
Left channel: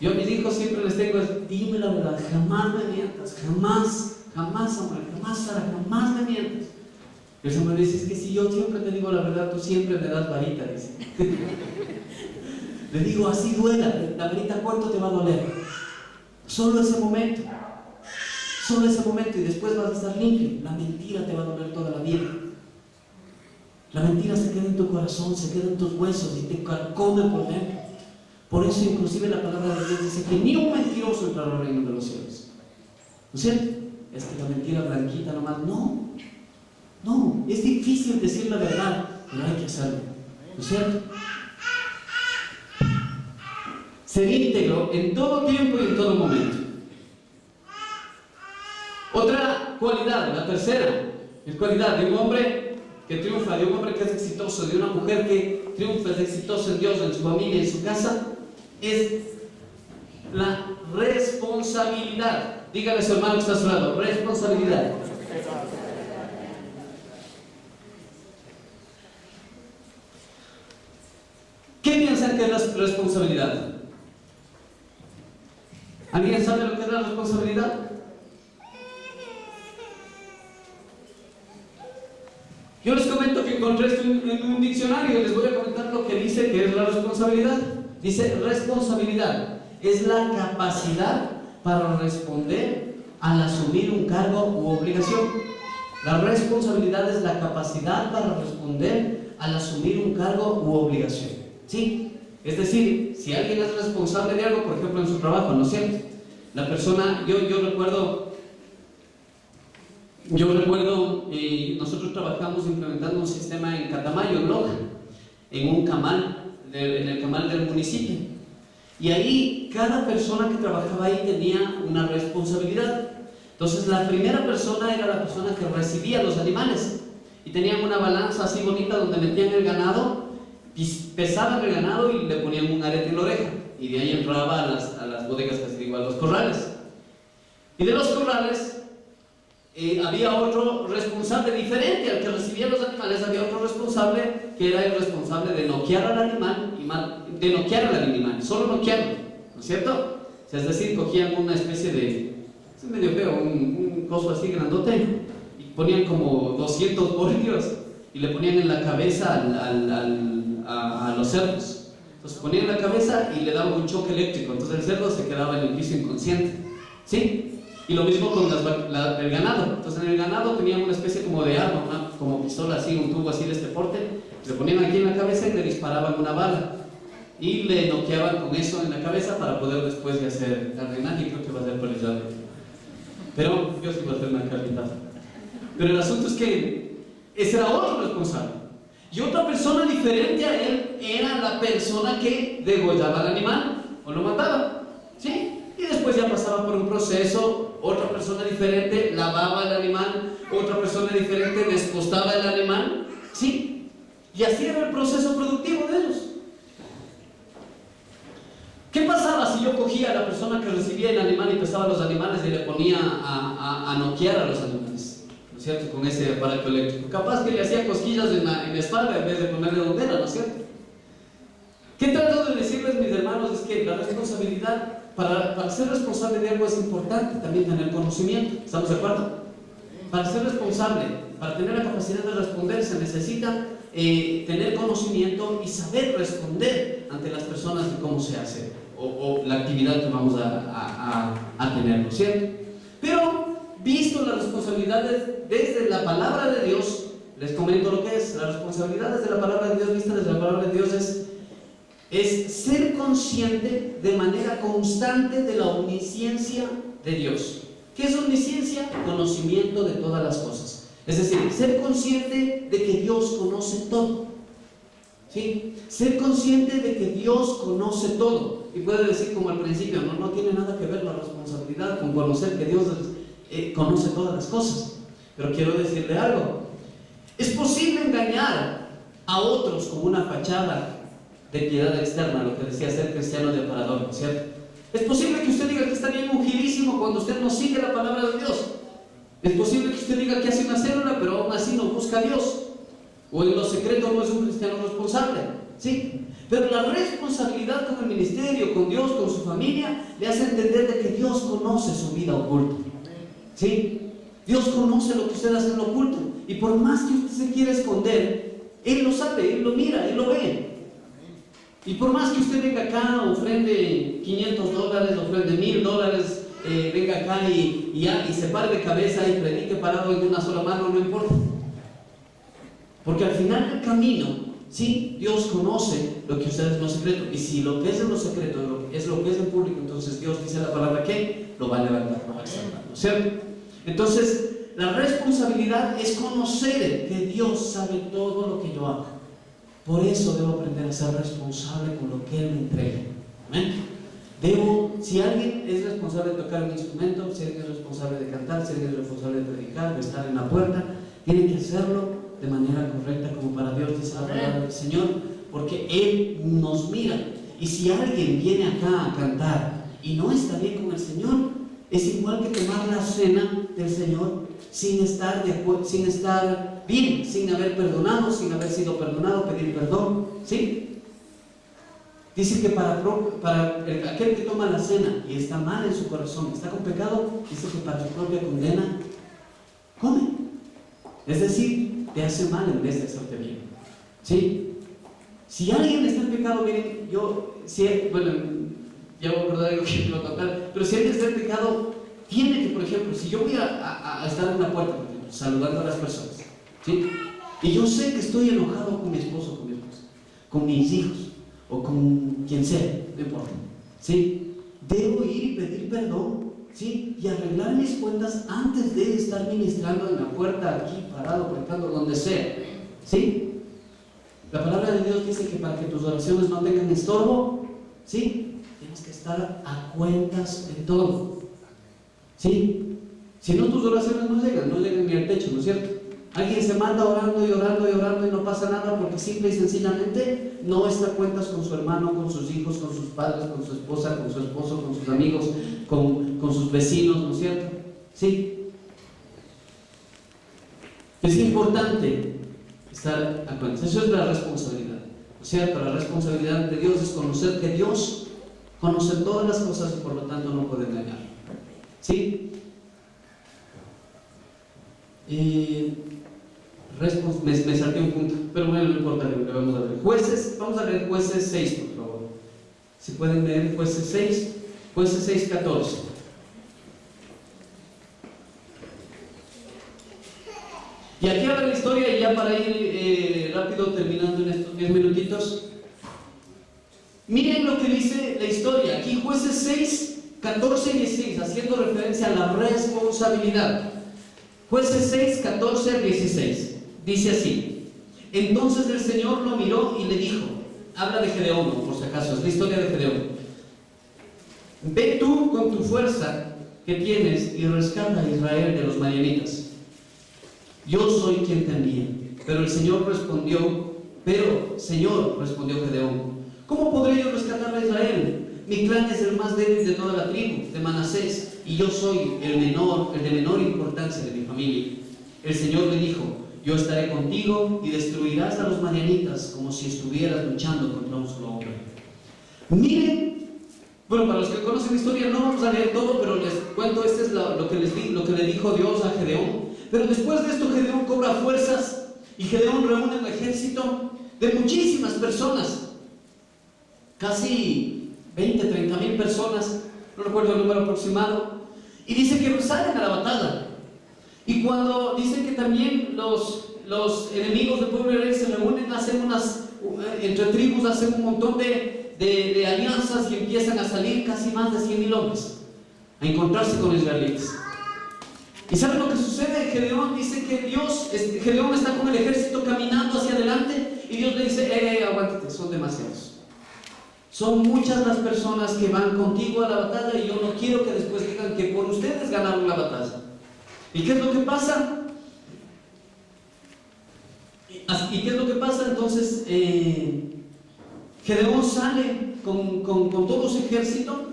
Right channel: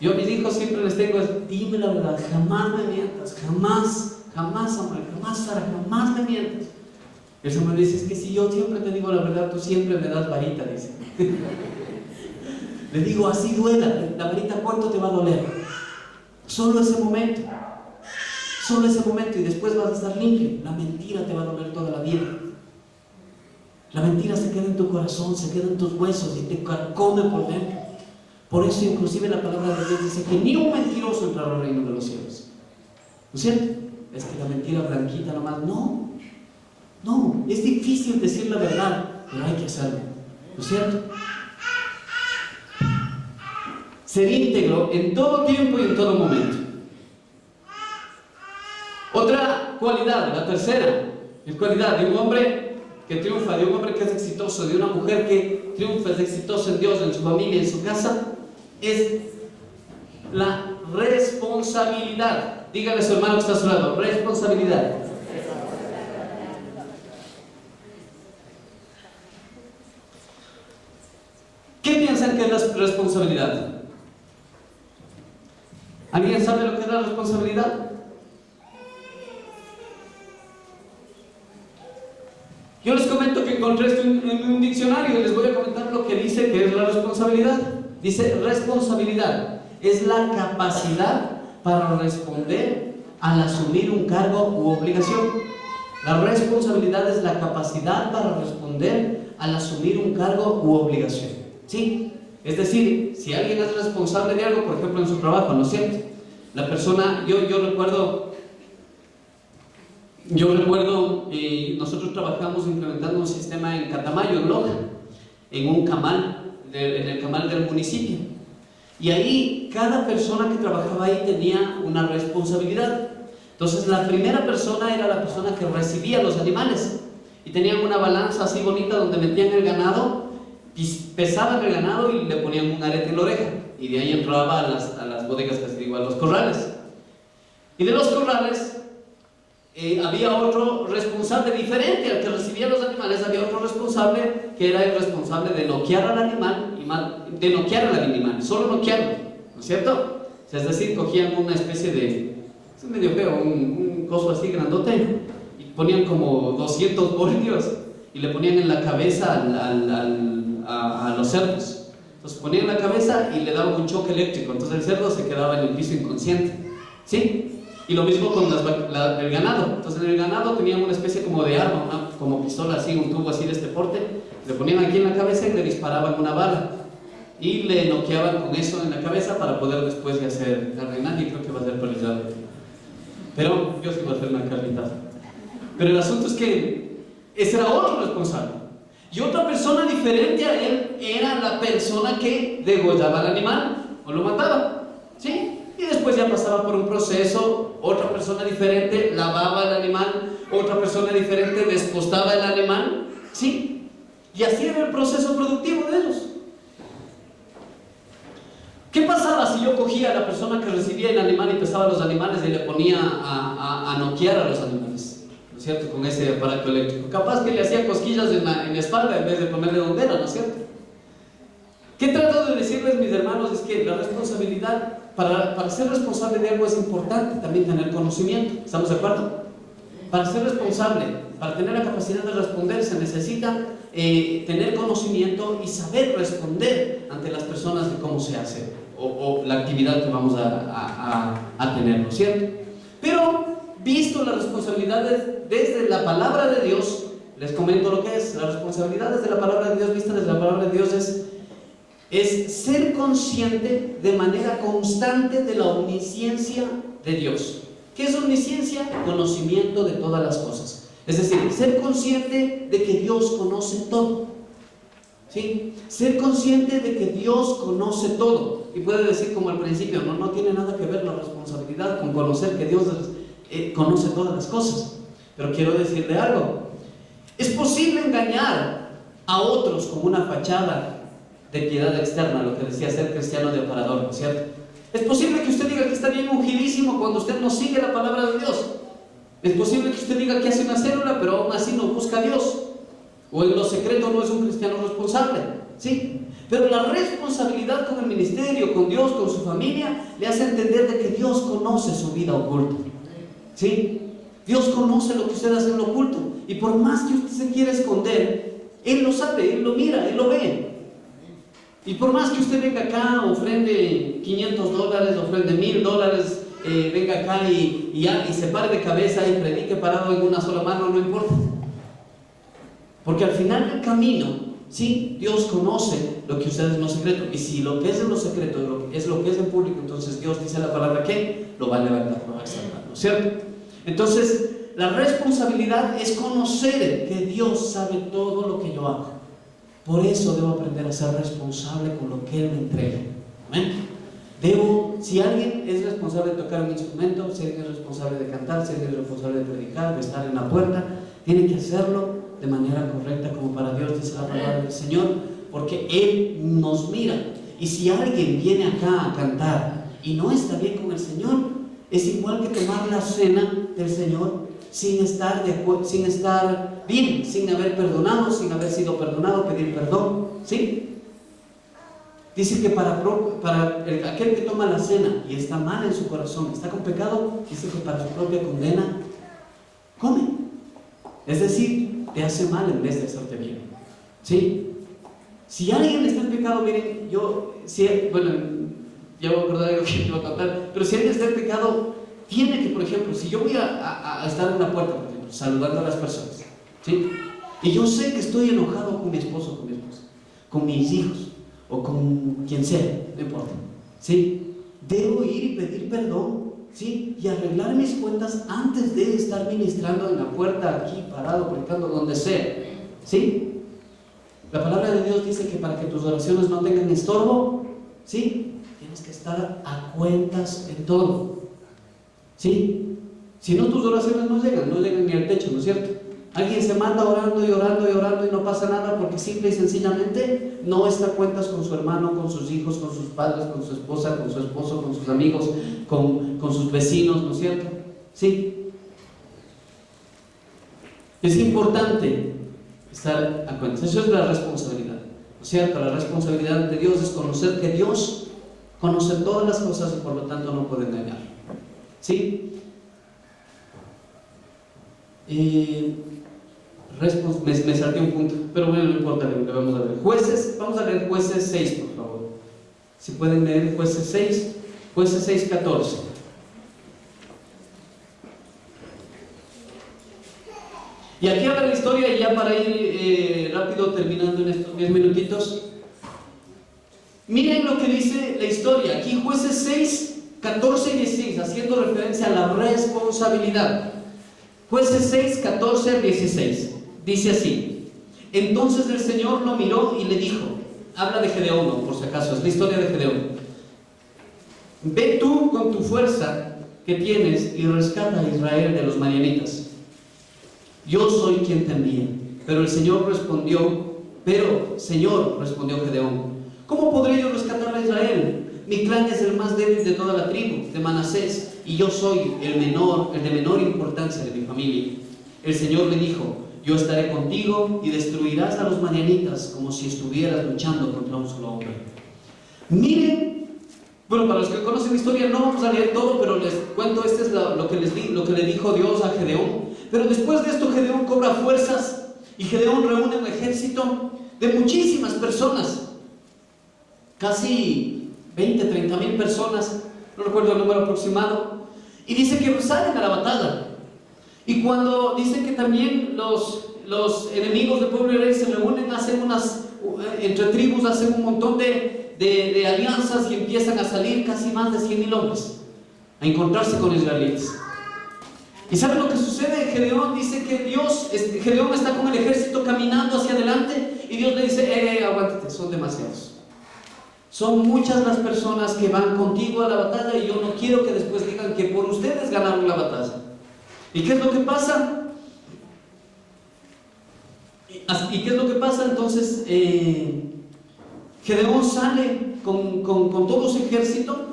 Yo a mis hijos siempre les tengo, dime la verdad, jamás me mientas, jamás, Samuel, jamás Sara, jamás me mientas. Y el Samuel dice, es que si yo siempre te digo la verdad, tú siempre me das varita, dice. Le digo, así duela, la varita cuánto te va a doler. Solo ese momento, y después vas a estar limpio. La mentira te va a doler toda la vida. La mentira se queda en tu corazón, se queda en tus huesos y te carcome por dentro. Por eso inclusive la palabra de Dios dice que ni un mentiroso entrará al reino de los cielos. ¿No es cierto? Es que la mentira blanquita nomás, no, es difícil decir la verdad, pero hay que hacerlo. ¿No es cierto? Ser íntegro en todo tiempo y en todo momento. Otra cualidad, la tercera, es cualidad de un hombre que triunfa, de un hombre que es exitoso, de una mujer que triunfa, es exitoso en Dios, en su familia, en su casa, es la responsabilidad. Dígale a su hermano que está a su lado, responsabilidad. ¿Qué piensan que es la responsabilidad? ¿Alguien sabe lo que es la responsabilidad? Yo les comento que encontré esto en un diccionario y les voy a comentar lo que dice que es la responsabilidad. Dice, responsabilidad es la capacidad para responder al asumir un cargo u obligación. La responsabilidad es la capacidad para responder al asumir un cargo u obligación. ¿Sí? Es decir, si alguien es responsable de algo, por ejemplo en su trabajo, ¿no es cierto? La persona, yo recuerdo, nosotros trabajamos implementando un sistema en Catamayo, en Loja, en un camal, en el camal del municipio. Y ahí cada persona que trabajaba ahí tenía una responsabilidad. Entonces la primera persona era la persona que recibía los animales y tenían una balanza así bonita donde metían el ganado, pesaban el ganado y le ponían un arete en la oreja, y de ahí entraba a las bodegas, que se digo, a los corrales. Y de los corrales había otro responsable diferente al que recibía los animales. Había otro responsable que era el responsable de noquear al animal, de noquear al animal, solo noquearlo, ¿no es cierto? O sea, es decir, cogían una especie de, es medio feo, un coso así grandote, y ponían como 200 voltios y le ponían en la cabeza a los cerdos. Entonces ponían la cabeza y le daban un choque eléctrico, entonces el cerdo se quedaba en el piso inconsciente, ¿sí? Y lo mismo con el ganado. Entonces en el ganado tenían una especie como de arma, como pistola así, un tubo así de este porte, le ponían aquí en la cabeza y le disparaban una bala y le noqueaban con eso en la cabeza para poder después de hacer carne. Y creo que va a ser paralizado, pero yo sí voy a hacer una carnita. Pero el asunto es que ese era otro responsable, y otra persona diferente a él era la persona que degollaba al animal o lo mataba, ¿sí? Y después ya pasaba por un proceso, otra persona diferente lavaba el animal, otra persona diferente despostaba el animal, ¿sí? Y así era el proceso productivo de ellos. ¿Qué pasaba si yo cogía a la persona que recibía el animal y pesaba los animales y le ponía a noquear a los animales? ¿No es cierto? Con ese aparato eléctrico. Capaz que le hacía cosquillas en la espalda en vez de ponerle dondera, ¿no es cierto? ¿Qué trato de decirles, mis hermanos? Es que la responsabilidad, para ser responsable de algo es importante también tener conocimiento. ¿Estamos de acuerdo? Para ser responsable, para tener la capacidad de responder, se necesita tener conocimiento y saber responder ante las personas de cómo se hace o la actividad que vamos a tener, ¿no es cierto? Pero, visto las responsabilidades desde la palabra de Dios, les comento lo que es. La responsabilidad desde la palabra de Dios, vista desde la palabra de Dios, es ser consciente de manera constante de la omnisciencia de Dios. ¿Qué es omnisciencia? Conocimiento de todas las cosas. Es decir, ser consciente de que Dios conoce todo, ¿sí? Ser consciente de que Dios conoce todo. Y puede decir como al principio, no tiene nada que ver la responsabilidad con conocer que Dios conoce todas las cosas. Pero quiero decirle algo. Es posible engañar a otros con una fachada de piedad externa, lo que decía ser cristiano de aparador, ¿no es cierto? Es posible que usted diga que está bien ungidísimo cuando usted no sigue la palabra de Dios. Es posible que usted diga que hace una célula, pero aún así no busca a Dios. O en lo secreto no es un cristiano responsable. ¿Sí? Pero la responsabilidad con el ministerio, con Dios, con su familia, le hace entender de que Dios conoce su vida oculta. ¿Sí? Dios conoce lo que usted hace en lo oculto. Y por más que usted se quiera esconder, Él lo sabe, Él lo mira, Él lo ve. Y por más que usted venga acá, ofrende $500, ofrende $1000, venga acá y se pare de cabeza y predique parado en una sola mano, no importa. Porque al final del camino, sí, Dios conoce lo que usted es en lo secreto. Y si lo que es en lo secreto es lo que es en público, entonces Dios dice la palabra que lo va a levantar, lo va a exaltar, ¿no es cierto? Entonces, la responsabilidad es conocer que Dios sabe todo lo que yo hago. Por eso debo aprender a ser responsable con lo que Él me entrega. ¿Amén? Si alguien es responsable de tocar un instrumento, si alguien es responsable de cantar, si alguien es responsable de predicar, de estar en la puerta, tiene que hacerlo de manera correcta, como para Dios dice la palabra del Señor, porque Él nos mira. Y si alguien viene acá a cantar y no está bien con el Señor, es igual que tomar la cena del Señor sin estar bien, sin haber perdonado, sin haber sido perdonado, pedir perdón. ¿Sí? Dice que para aquel que toma la cena y está mal en su corazón, está con pecado, dice que para su propia condena come. Es decir, te hace mal en vez de hacerte bien. ¿Sí? Si alguien está en pecado, miren, ya voy a acordar algo que iba a contar, pero si alguien está en pecado, tiene que, por ejemplo, si yo voy a estar en la puerta, por ejemplo, saludando a las personas, ¿sí? Y yo sé que estoy enojado con mi esposo, con mi esposa, con mis hijos, o con quien sea, no importa, ¿sí? Debo ir y pedir perdón, ¿sí? Y arreglar mis cuentas antes de estar ministrando en la puerta, aquí, parado, predicando, donde sea, ¿sí? La palabra de Dios dice que para que tus oraciones no tengan estorbo, ¿sí? Tienes que estar a cuentas en todo, ¿sí? Si no, tus oraciones no llegan ni al techo, ¿no es cierto? Alguien se manda orando y orando y orando y no pasa nada porque simple y sencillamente no está a cuentas con su hermano, con sus hijos, con sus padres, con su esposa, con su esposo, con sus amigos, con sus vecinos, ¿no es cierto? ¿Sí? Es importante estar a cuentas. Eso es la responsabilidad, ¿no es cierto? La responsabilidad de Dios es conocer que Dios conoce todas las cosas y por lo tanto no puede negar. ¿Sí? Me salté un punto, pero bueno, no importa, le vamos a ver. Jueces, vamos a leer Jueces 6, por favor. Si pueden leer Jueces 6, Jueces 6, 14. Y aquí habla la historia, y ya para ir rápido terminando en estos 10 minutitos. Miren lo que dice la historia. Aquí Jueces 6, 14 y 16, haciendo referencia a la responsabilidad. Jueces 6, 14 al 16. Dice así: entonces el Señor lo miró y le dijo, habla de Gedeón, ¿no? Por si acaso, es la historia de Gedeón. Ve tú con tu fuerza que tienes y rescata a Israel de los madianitas. Yo soy quien te envía. Pero Señor respondió Gedeón, ¿cómo podré yo rescatar a Israel? Mi clan es el más débil de toda la tribu de Manasés, y yo soy el de menor importancia de mi familia. El Señor le dijo, yo estaré contigo y destruirás a los madianitas como si estuvieras luchando contra un solo hombre. Miren, bueno, para los que conocen la historia no vamos a leer todo, pero les cuento, este es lo que le dijo Dios a Gedeón. Pero después de esto Gedeón cobra fuerzas y Gedeón reúne un ejército de muchísimas personas, casi 30 mil personas, no recuerdo el número aproximado, y dice que salen a la batalla. Y cuando dicen que también los enemigos del pueblo de Israel se reúnen, entre tribus hacen un montón de alianzas y empiezan a salir casi más de 100,000 hombres a encontrarse con israelitas. ¿Y saben lo que sucede? Gedeón dice que Gedeón está con el ejército caminando hacia adelante y Dios le dice, aguántate, son demasiados. Son muchas las personas que van contigo a la batalla y yo no quiero que después digan que por ustedes ganaron la batalla. ¿Y qué es lo que pasa? Entonces, Gedeón sale con todo su ejército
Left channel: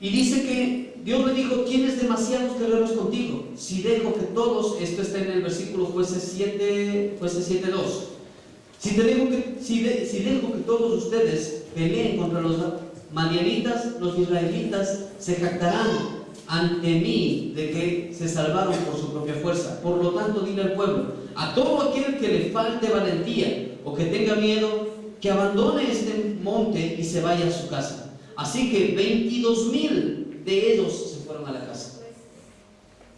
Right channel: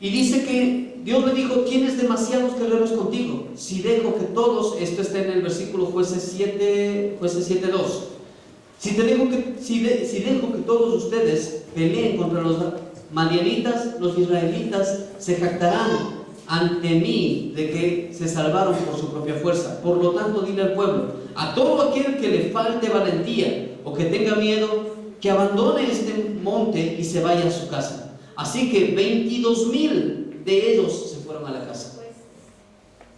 Y dice que Dios le dijo: tienes demasiados guerreros contigo. Si dejo que todos, esto está en el versículo Jueces 7:2. Si dejo que todos ustedes peleen contra los madianitas, los israelitas se jactarán ante mí de que se salvaron por su propia fuerza. Por lo tanto, dile al pueblo: a todo aquel que le falte valentía o que tenga miedo, que abandone este monte y se vaya a su casa. Así que 22,000 de ellos se fueron a la casa.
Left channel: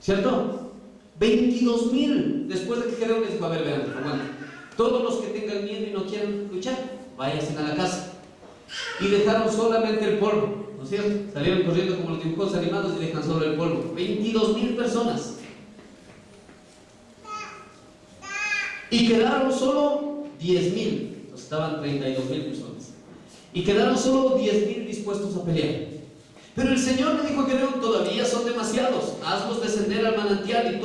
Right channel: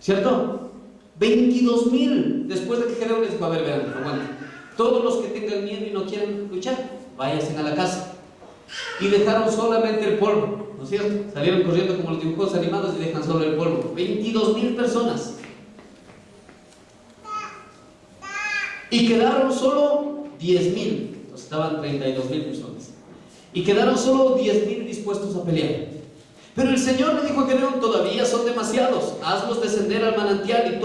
¿Cierto? 22,000. Después de que Gedeón les dijo: a ver, vean, aguanten. Todos los que tengan miedo y no quieran luchar, váyanse a la casa. Y dejaron solamente el polvo, ¿no es cierto? Salieron corriendo como los dibujos animados y dejan solo el polvo. 22,000 personas. Y quedaron solo 10,000. Entonces estaban 32,000 personas. Y quedaron solo 10,000 dispuestos a pelear. Pero el Señor le dijo a Gedeón: todavía son demasiados, hazlos descender al manantial y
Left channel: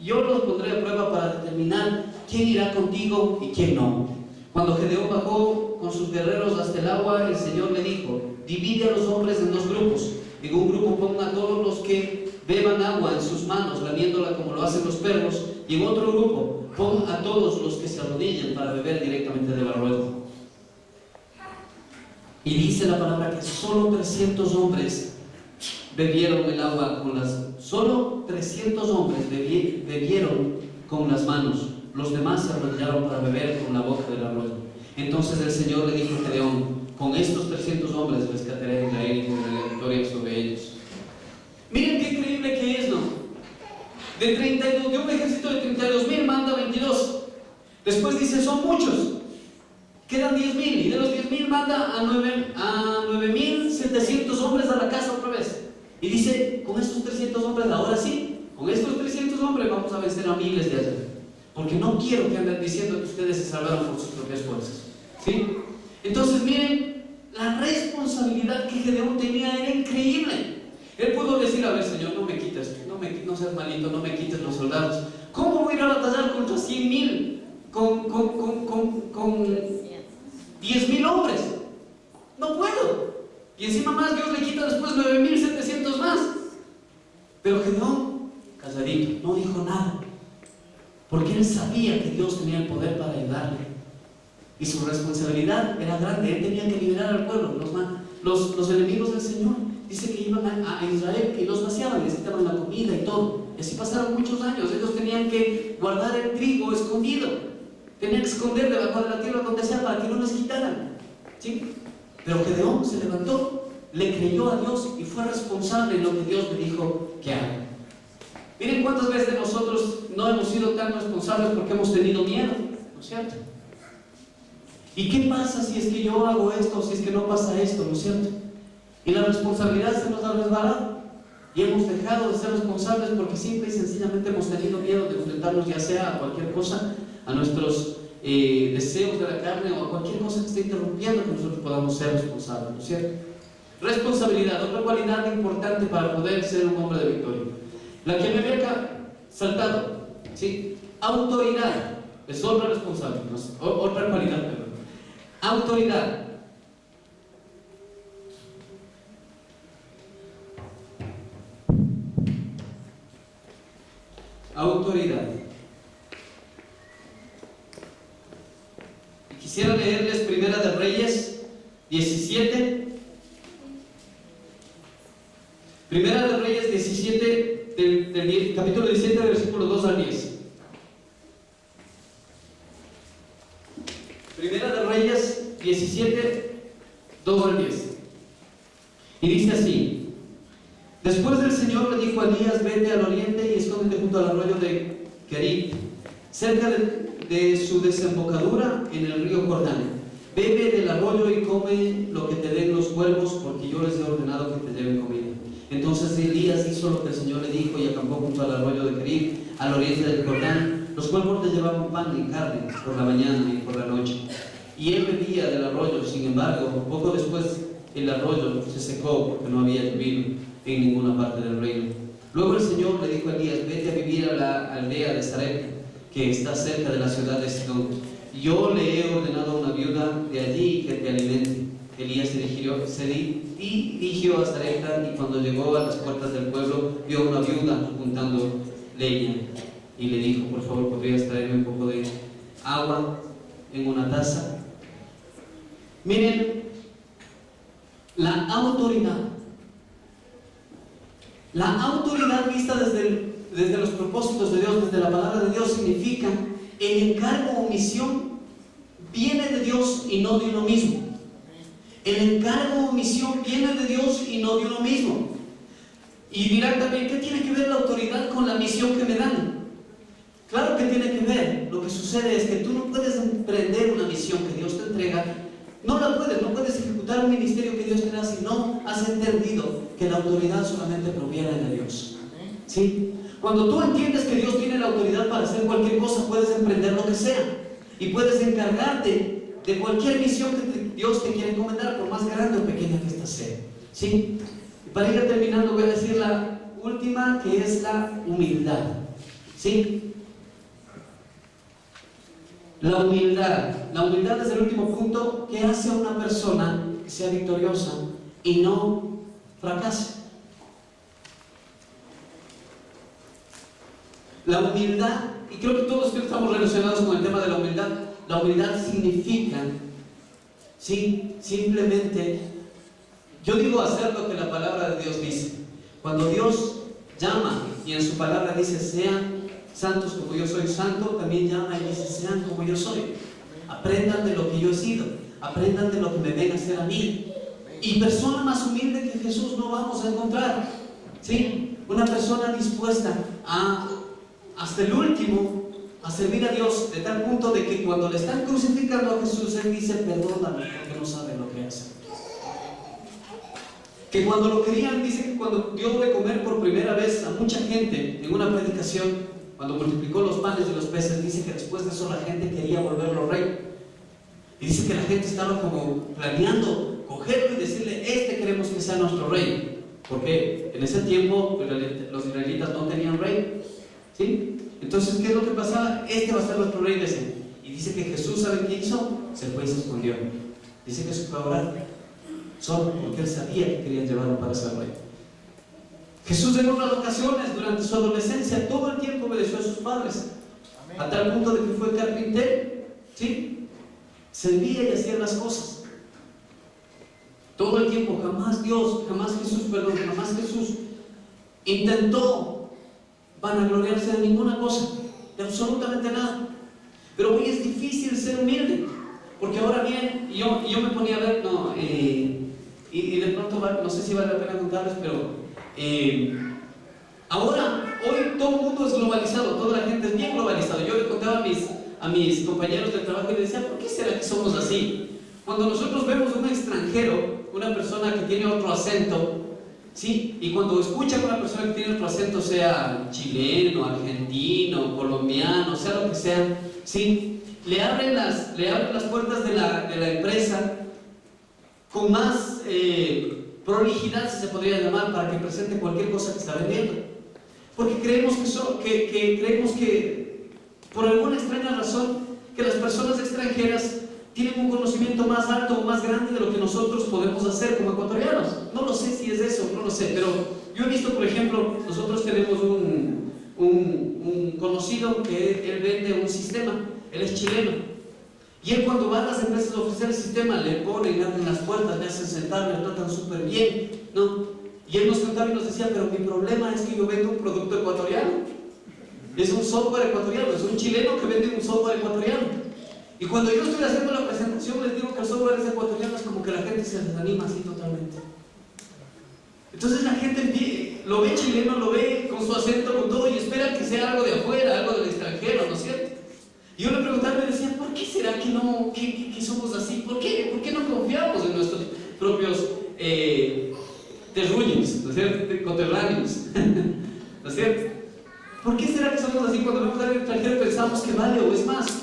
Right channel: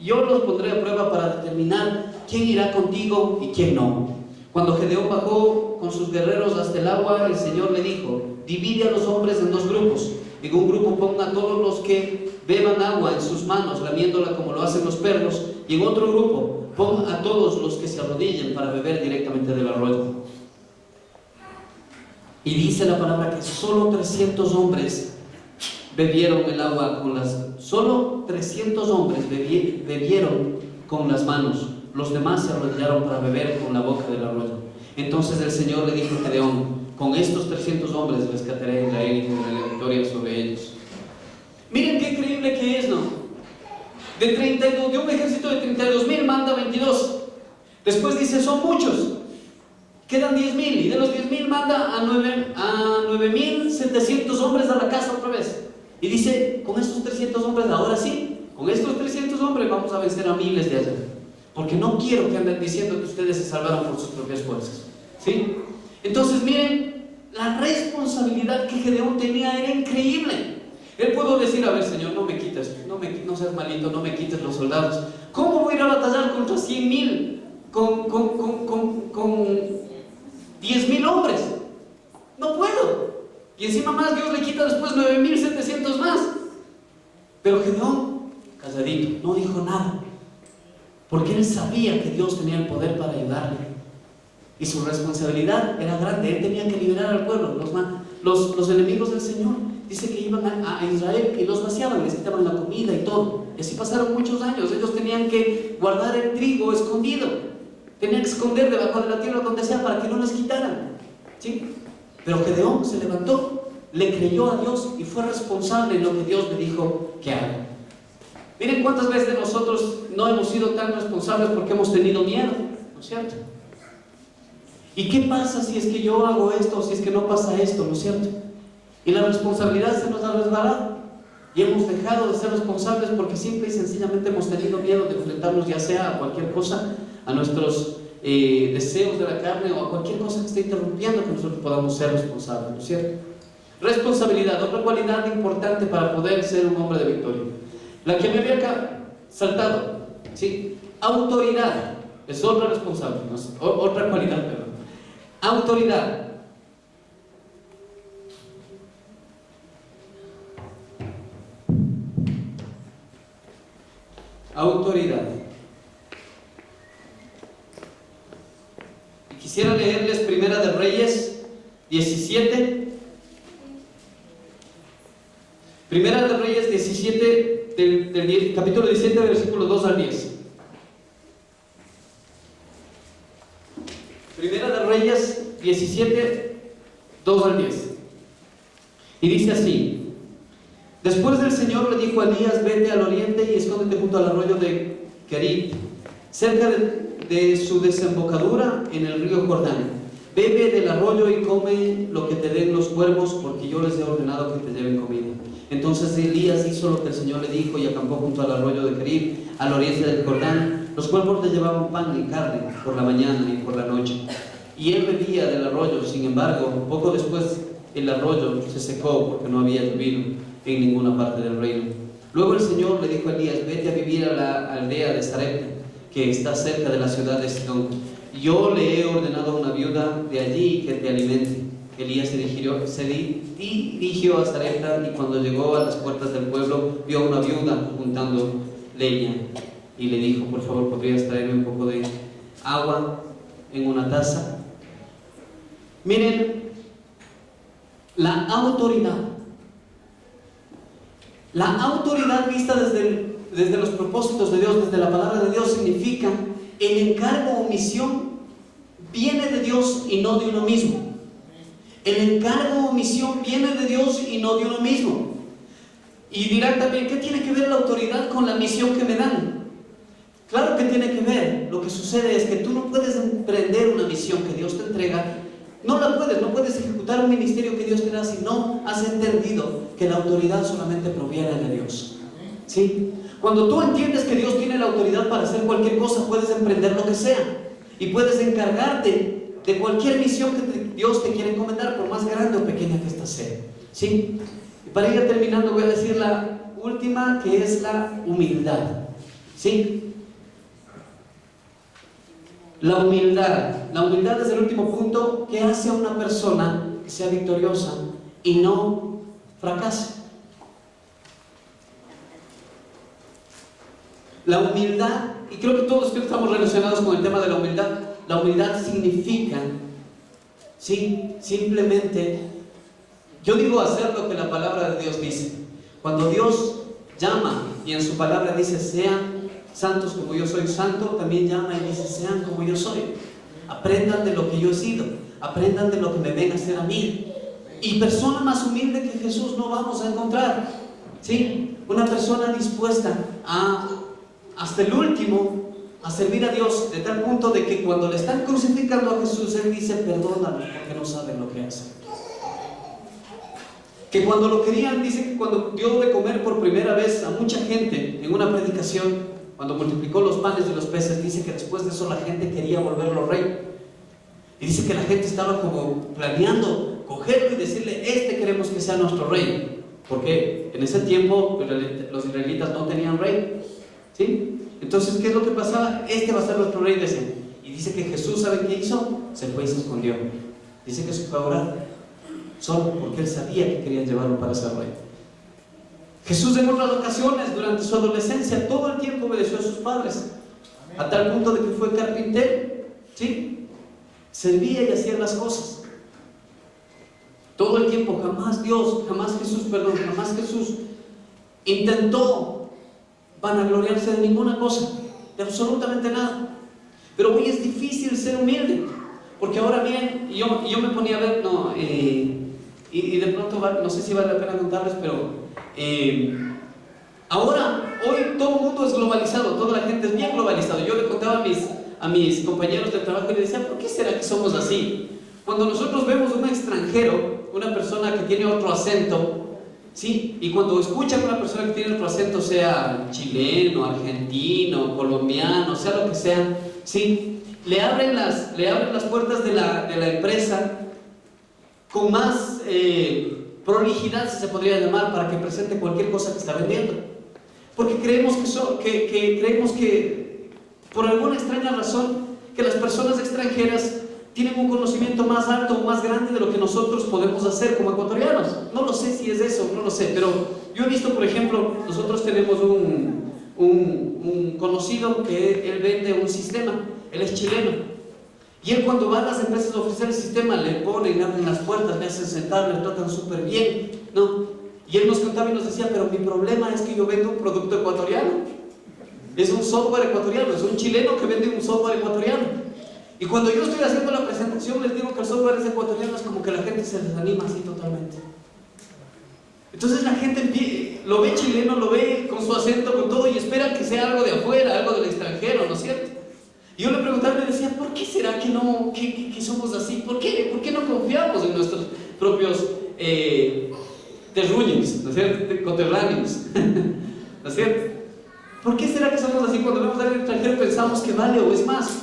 yo los pondré a prueba para determinar quién irá contigo y quién no. Cuando Gedeón bajó con sus guerreros hasta el agua, el Señor le dijo: divide a los hombres en dos grupos. En un grupo ponga a todos los que beban agua en sus manos, lamiéndola como lo hacen los perros, y en otro grupo ponga a todos los que se arrodillen para beber directamente del arroyo. Y dice la palabra que solo 300 hombres bebieron el agua con las... Solo 300 hombres bebieron con las manos. Los demás se arrodillaron para beber con la boca del arroyo. Entonces el Señor le dijo a Gedeón: con estos 300 hombres rescataré a Israel y tendré la victoria sobre ellos. Miren qué increíble que es, ¿no? De un ejército de 32,000 manda 22. Después dice: son muchos. Quedan 10,000, y de los 10,000 manda a 9,700 hombres a la casa otra vez. Y dice: con estos 300 hombres, ahora sí, con estos 300 hombres vamos a vencer a miles de allá. Porque no quiero que anden diciendo que ustedes se salvaron por sus propias fuerzas. ¿Sí? Entonces miren, la responsabilidad que Gedeón tenía era increíble. Él pudo decir: a ver, Señor, no me quites, no seas malito, no me quites los soldados. ¿Cómo voy a ir a batallar contra 100,000 con 10,000 hombres? No puedo. Y encima más Dios le quita después 9,700 más. Pero Gedeón, calladito, no dijo nada, porque él sabía que Dios tenía el poder para ayudarle. Y su responsabilidad era grande. Él tenía que liberar al pueblo. Los enemigos del Señor, dice que iban a Israel y los vaciaban, les quitaban la comida y todo. Y así pasaron muchos años. Ellos tenían que guardar el trigo escondido, tenían que esconder debajo de la tierra donde sea para que no les quitaran. ¿Sí? Pero Gedeón se levantó, le creyó a Dios y fue responsable en lo que Dios le dijo que haga. Miren cuántas veces de nosotros no hemos sido tan responsables porque hemos tenido miedo, ¿no es cierto? ¿Y qué pasa si es que yo hago esto o si es que no pasa esto, ¿no es cierto? Y la responsabilidad se nos ha resbalado y hemos dejado de ser responsables porque simple y sencillamente hemos tenido miedo de enfrentarnos ya sea a cualquier cosa, a nuestros deseos de la carne o a cualquier cosa que esté interrumpiendo que nosotros podamos ser responsables, ¿no es cierto? Responsabilidad, otra cualidad importante para poder ser un hombre de victoria. La que me había acá saltado, ¿sí? Autoridad es otra responsable, no sé, otra cualidad, perdón. Autoridad. Autoridad. Y quisiera leerles Primera de Reyes 17. Primera de Reyes 17, del capítulo 17, versículo 2 al 10. Primera de Reyes 17, 2 al 10. Y dice así: después del Señor le dijo a Elías: vete al oriente y escóndete junto al arroyo de Kerit, cerca de su desembocadura en el río Jordán. Bebe del arroyo y come lo que te den los cuervos, porque yo les he ordenado que te lleven comida. Entonces Elías hizo lo que el Señor le dijo y acampó junto al arroyo de Kerit, al oriente del Jordán. Los cuervos le llevaban pan y carne por la mañana y por la noche, y él bebía del arroyo. Sin embargo, poco después el arroyo se secó porque no había llovido en ninguna parte del reino. Luego el Señor le dijo a Elías: vete a vivir a la aldea de Sarepta, que está cerca de la ciudad de Sidón. Yo le he ordenado a una viuda de allí que te alimente. Elías se dirigió a Sarepta, y cuando llegó a las puertas del pueblo vio a una viuda juntando leña y le dijo: por favor, ¿podrías traerme un poco de agua en una taza? Miren, la autoridad vista desde los propósitos de Dios, desde la palabra de Dios, significa el encargo o misión viene de Dios y no de uno mismo. El encargo o misión viene de Dios y no de uno mismo. Y dirán también: ¿qué tiene que ver la autoridad con la misión que me dan? Claro que tiene que ver. Lo que sucede es que tú no puedes emprender una misión que Dios te entrega. No puedes ejecutar un ministerio que Dios te da si no has entendido que la autoridad solamente proviene de Dios. ¿Sí? Cuando tú entiendes que Dios tiene la autoridad para hacer cualquier cosa, puedes emprender lo que sea y puedes encargarte de cualquier misión que Dios te quiere encomendar, por más grande o pequeña que ésta sea. ¿Sí? Y para ir terminando, voy a decir la última, que es la humildad. ¿Sí? La humildad es el último punto que hace a una persona que sea victoriosa y no fracase. La humildad, y creo que todos estamos relacionados con el tema de la humildad. La humildad significa, sí, simplemente, yo digo hacer lo que la palabra de Dios dice. Cuando Dios llama y en su palabra dice: sean santos como yo soy santo, también llama y dice: sean como yo soy. Aprendan de lo que yo he sido, aprendan de lo que me ven a hacer a mí. Y persona más humilde que Jesús no vamos a encontrar. ¿Sí? Una persona dispuesta hasta el último a servir a Dios, de tal punto de que cuando le están crucificando a Jesús, Él dice: perdóname porque no saben lo que hacen. Que cuando lo querían, dice que cuando dio de comer por primera vez a mucha gente en una predicación, cuando multiplicó los panes y los peces, dice que después de eso la gente quería volverlo rey. Y dice que la gente estaba como planeando cogerlo y decirle: queremos que sea nuestro rey. Porque en ese tiempo los israelitas no tenían rey. ¿Sí? Entonces, ¿qué es lo que pasaba? Va a ser nuestro rey, decían. Y dice que Jesús, ¿sabe qué hizo? Se fue y se escondió. Dice que se fue a orar, solo porque él sabía que querían llevarlo para ser rey. Jesús en otras ocasiones, durante su adolescencia, todo el tiempo obedeció a sus padres. Amén. A tal punto de que fue carpintero. ¿Sí? Servía y hacía las cosas. Todo el tiempo, jamás Jesús intentó vanagloriarse de ninguna cosa, de absolutamente nada. Pero hoy es difícil ser humilde, porque ahora bien, yo me ponía a ver, y de pronto no sé si vale la pena contarles, pero hoy todo el mundo es globalizado, toda la gente es bien globalizado. Yo le contaba a mis compañeros de trabajo y les decía: ¿por qué será que somos así? Cuando nosotros vemos un extranjero, una persona que tiene otro acento, ¿sí? Y cuando escuchan a una persona que tiene otro acento, sea chileno, argentino, colombiano, sea lo que sea, ¿sí? Le abren las puertas de la empresa con más prolijidad, si se podría llamar, para que presente cualquier cosa que está vendiendo. Porque creemos que por alguna extraña razón, que las personas extranjeras tienen un conocimiento más alto o más grande de lo que nosotros podemos hacer como ecuatorianos. No lo sé si es eso, no lo sé, pero yo he visto, por ejemplo, nosotros tenemos un conocido que él vende un sistema, él es chileno, y él cuando va a las empresas a ofrecer el sistema, le ponen, le abren las puertas, le hacen sentar, le tratan súper bien, ¿no? Y él nos contaba y nos decía: pero mi problema es que yo vendo un producto ecuatoriano, es un software ecuatoriano, es un chileno que vende un software ecuatoriano. Y cuando yo estoy haciendo la presentación, les digo que el software es ecuatoriano, es como que la gente se desanima así totalmente. Entonces la gente lo ve chileno, lo ve con su acento, con todo, y espera que sea algo de afuera, algo del extranjero, ¿no es cierto? Y yo le preguntaba y le decía: ¿por qué será que somos así? ¿Por qué no confiamos en nuestros propios terruños, ¿no es cierto? Coterráneos, ¿no es cierto? ¿Por qué será que somos así? Cuando vemos a alguien extranjero pensamos que vale o es más.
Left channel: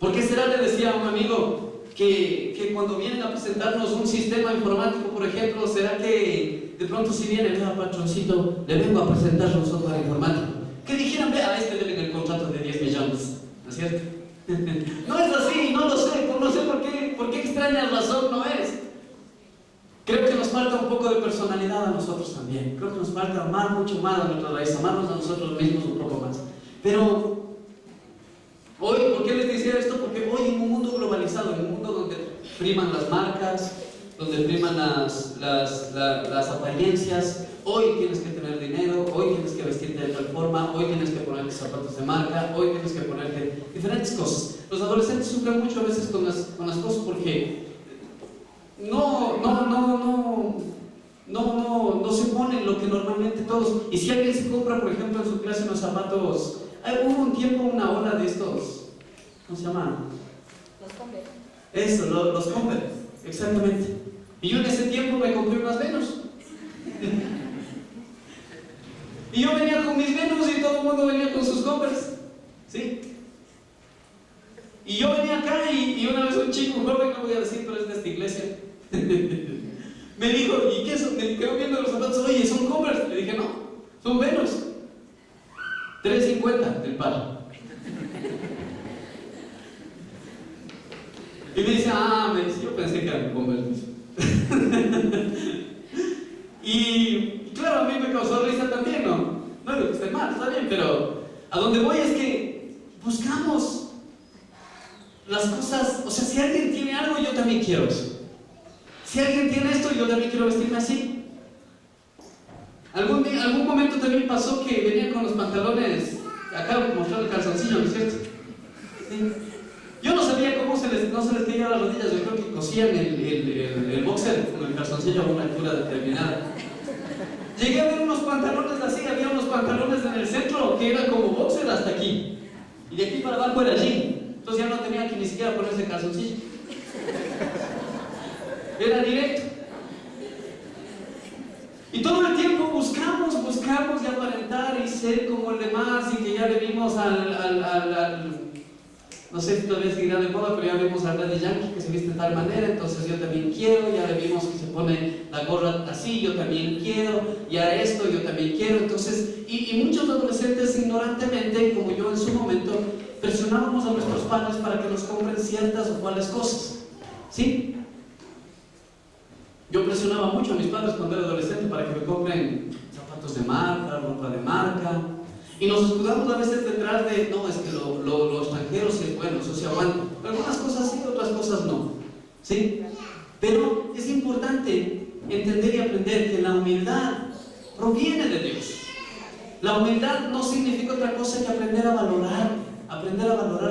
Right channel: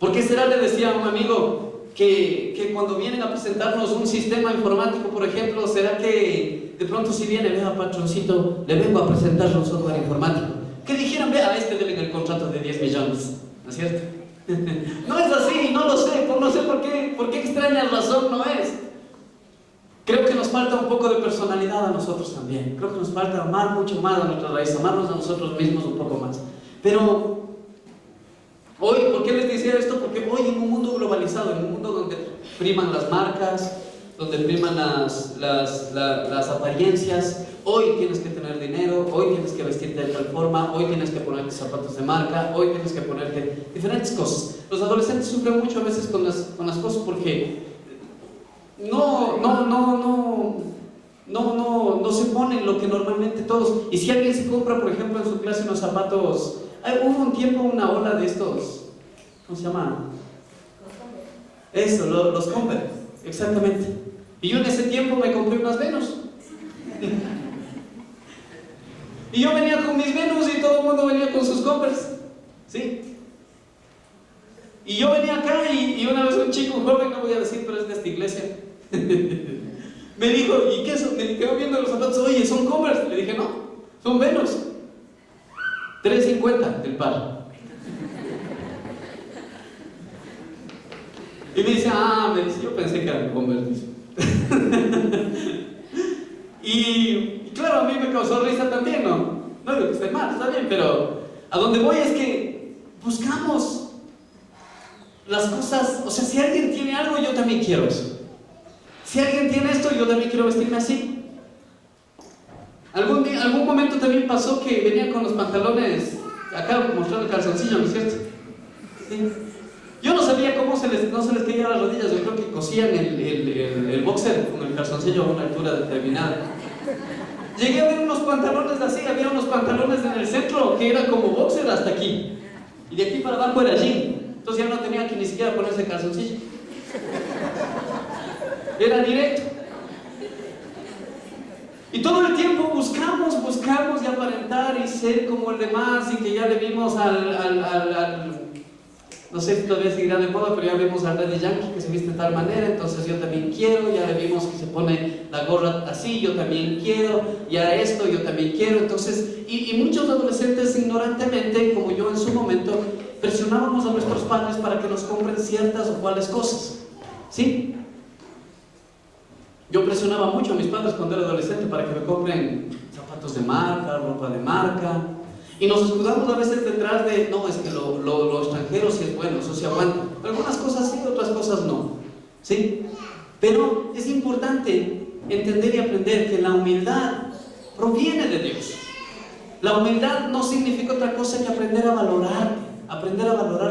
¿Por qué será, le decía a un amigo, que cuando vienen a presentarnos un sistema informático, por ejemplo, será que de pronto si viene: vea, patroncito, le vengo a presentar un software informático, que dijeran: vea, a este deben el contrato de 10 millones, ¿no es cierto? No es así, no lo sé, no sé por qué extraña razón no es. Creo que nos falta un poco de personalidad a nosotros también. Creo que nos falta amar mucho más a nuestra raíz, amarnos a nosotros mismos un poco más. Pero hoy, ¿por qué les decía esto? Porque hoy en un mundo globalizado, en un mundo donde priman las marcas, donde priman las apariencias, hoy tienes que tener dinero, hoy tienes que vestirte de tal forma, hoy tienes que ponerte zapatos de marca, hoy tienes que ponerte diferentes cosas. Los adolescentes sufren mucho a veces con las cosas porque no se ponen lo que normalmente todos. Y si alguien se compra, por ejemplo, en su clase unos zapatos, hubo un tiempo una ola de estos, ¿cómo se llama? Los Converse. Eso, los Converse, exactamente. Y yo en ese tiempo me compré unas Venus. Y yo venía con mis Venus y todo el mundo venía con sus Converse, ¿sí? Y yo venía acá y una vez un chico, un joven, no voy a decir, pero es de esta iglesia, me dijo, ¿y qué son? Me quedó viendo los zapatos, oye, ¿son Converse? Le dije, no, son Venus. 3.50 el par. Y me dice, yo pensé que eran Converse. y claro, a mí me causó risa también, ¿no? No digo que esté mal, está bien, pero a donde voy es que buscamos las cosas, o sea, si alguien tiene algo, yo también quiero eso. Si alguien tiene esto, yo también quiero vestirme así. Algún momento también pasó que venía con los pantalones, acá mostrando el calzoncillo, ¿no es cierto? Sí. Yo no sabía cómo no se les caía las rodillas, yo creo que cosían el boxer con el calzoncillo a una altura determinada. Llegué a ver unos pantalones así, había unos pantalones en el centro que eran como boxer hasta aquí. Y de aquí para abajo era jean. Entonces ya no tenía que ni siquiera ponerse calzoncillo. Era directo. Y todo el tiempo buscamos y aparentar y ser como el demás y que ya le vimos no sé si todavía seguirá de moda, pero ya vimos al Daddy Yankee que se viste de tal manera, entonces yo también quiero, ya le vimos que se pone la gorra así, yo también quiero, ya esto, yo también quiero, entonces, y muchos adolescentes ignorantemente, como yo en su momento, presionábamos a nuestros padres para que nos compren ciertas o cuales cosas, ¿sí? Yo presionaba mucho a mis padres cuando era adolescente para que me compren zapatos de marca, ropa de marca, y nos escudamos a veces detrás de, no, es que lo extranjero sí es bueno, eso sí aguanta. Algunas cosas sí, otras cosas no, ¿sí? Pero es importante entender y aprender que la humildad proviene de Dios. La humildad no significa otra cosa que aprender a valorar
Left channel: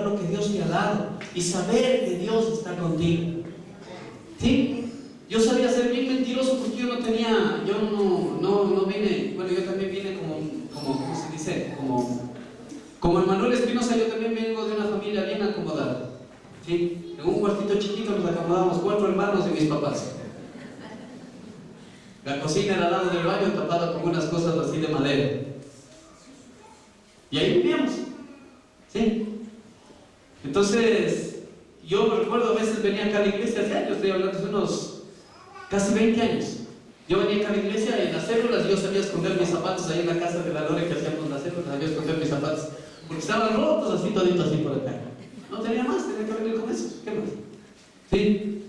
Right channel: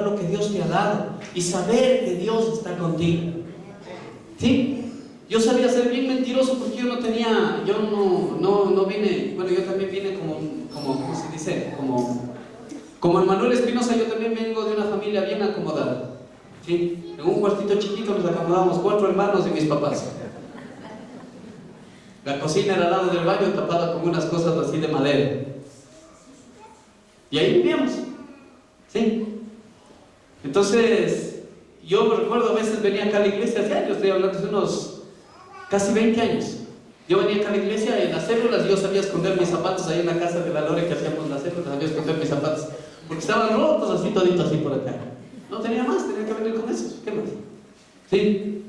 lo que Dios te ha dado y saber que Dios está contigo, ¿sí? Yo sabía ser bien mentiroso porque yo no vine, bueno, yo también vine ¿cómo se dice? Como Manuel Espinosa, yo también vengo de una familia bien acomodada, ¿sí? En un cuartito chiquito nos acomodamos 4 hermanos y mis papás. La cocina era al lado del baño tapada con unas cosas así de madera. Y ahí vivíamos, ¿sí? Entonces, yo me recuerdo a veces venía acá a la iglesia hace años, estoy hablando de unos casi 20 años. Yo venía acá a la iglesia y en las células yo sabía esconder mis zapatos ahí en la casa de la Lore que hacíamos las células, sabía esconder mis zapatos porque estaban rotos así toditos así por acá. No tenía más, tenía que venir con esos, ¿qué más? ¿Sí?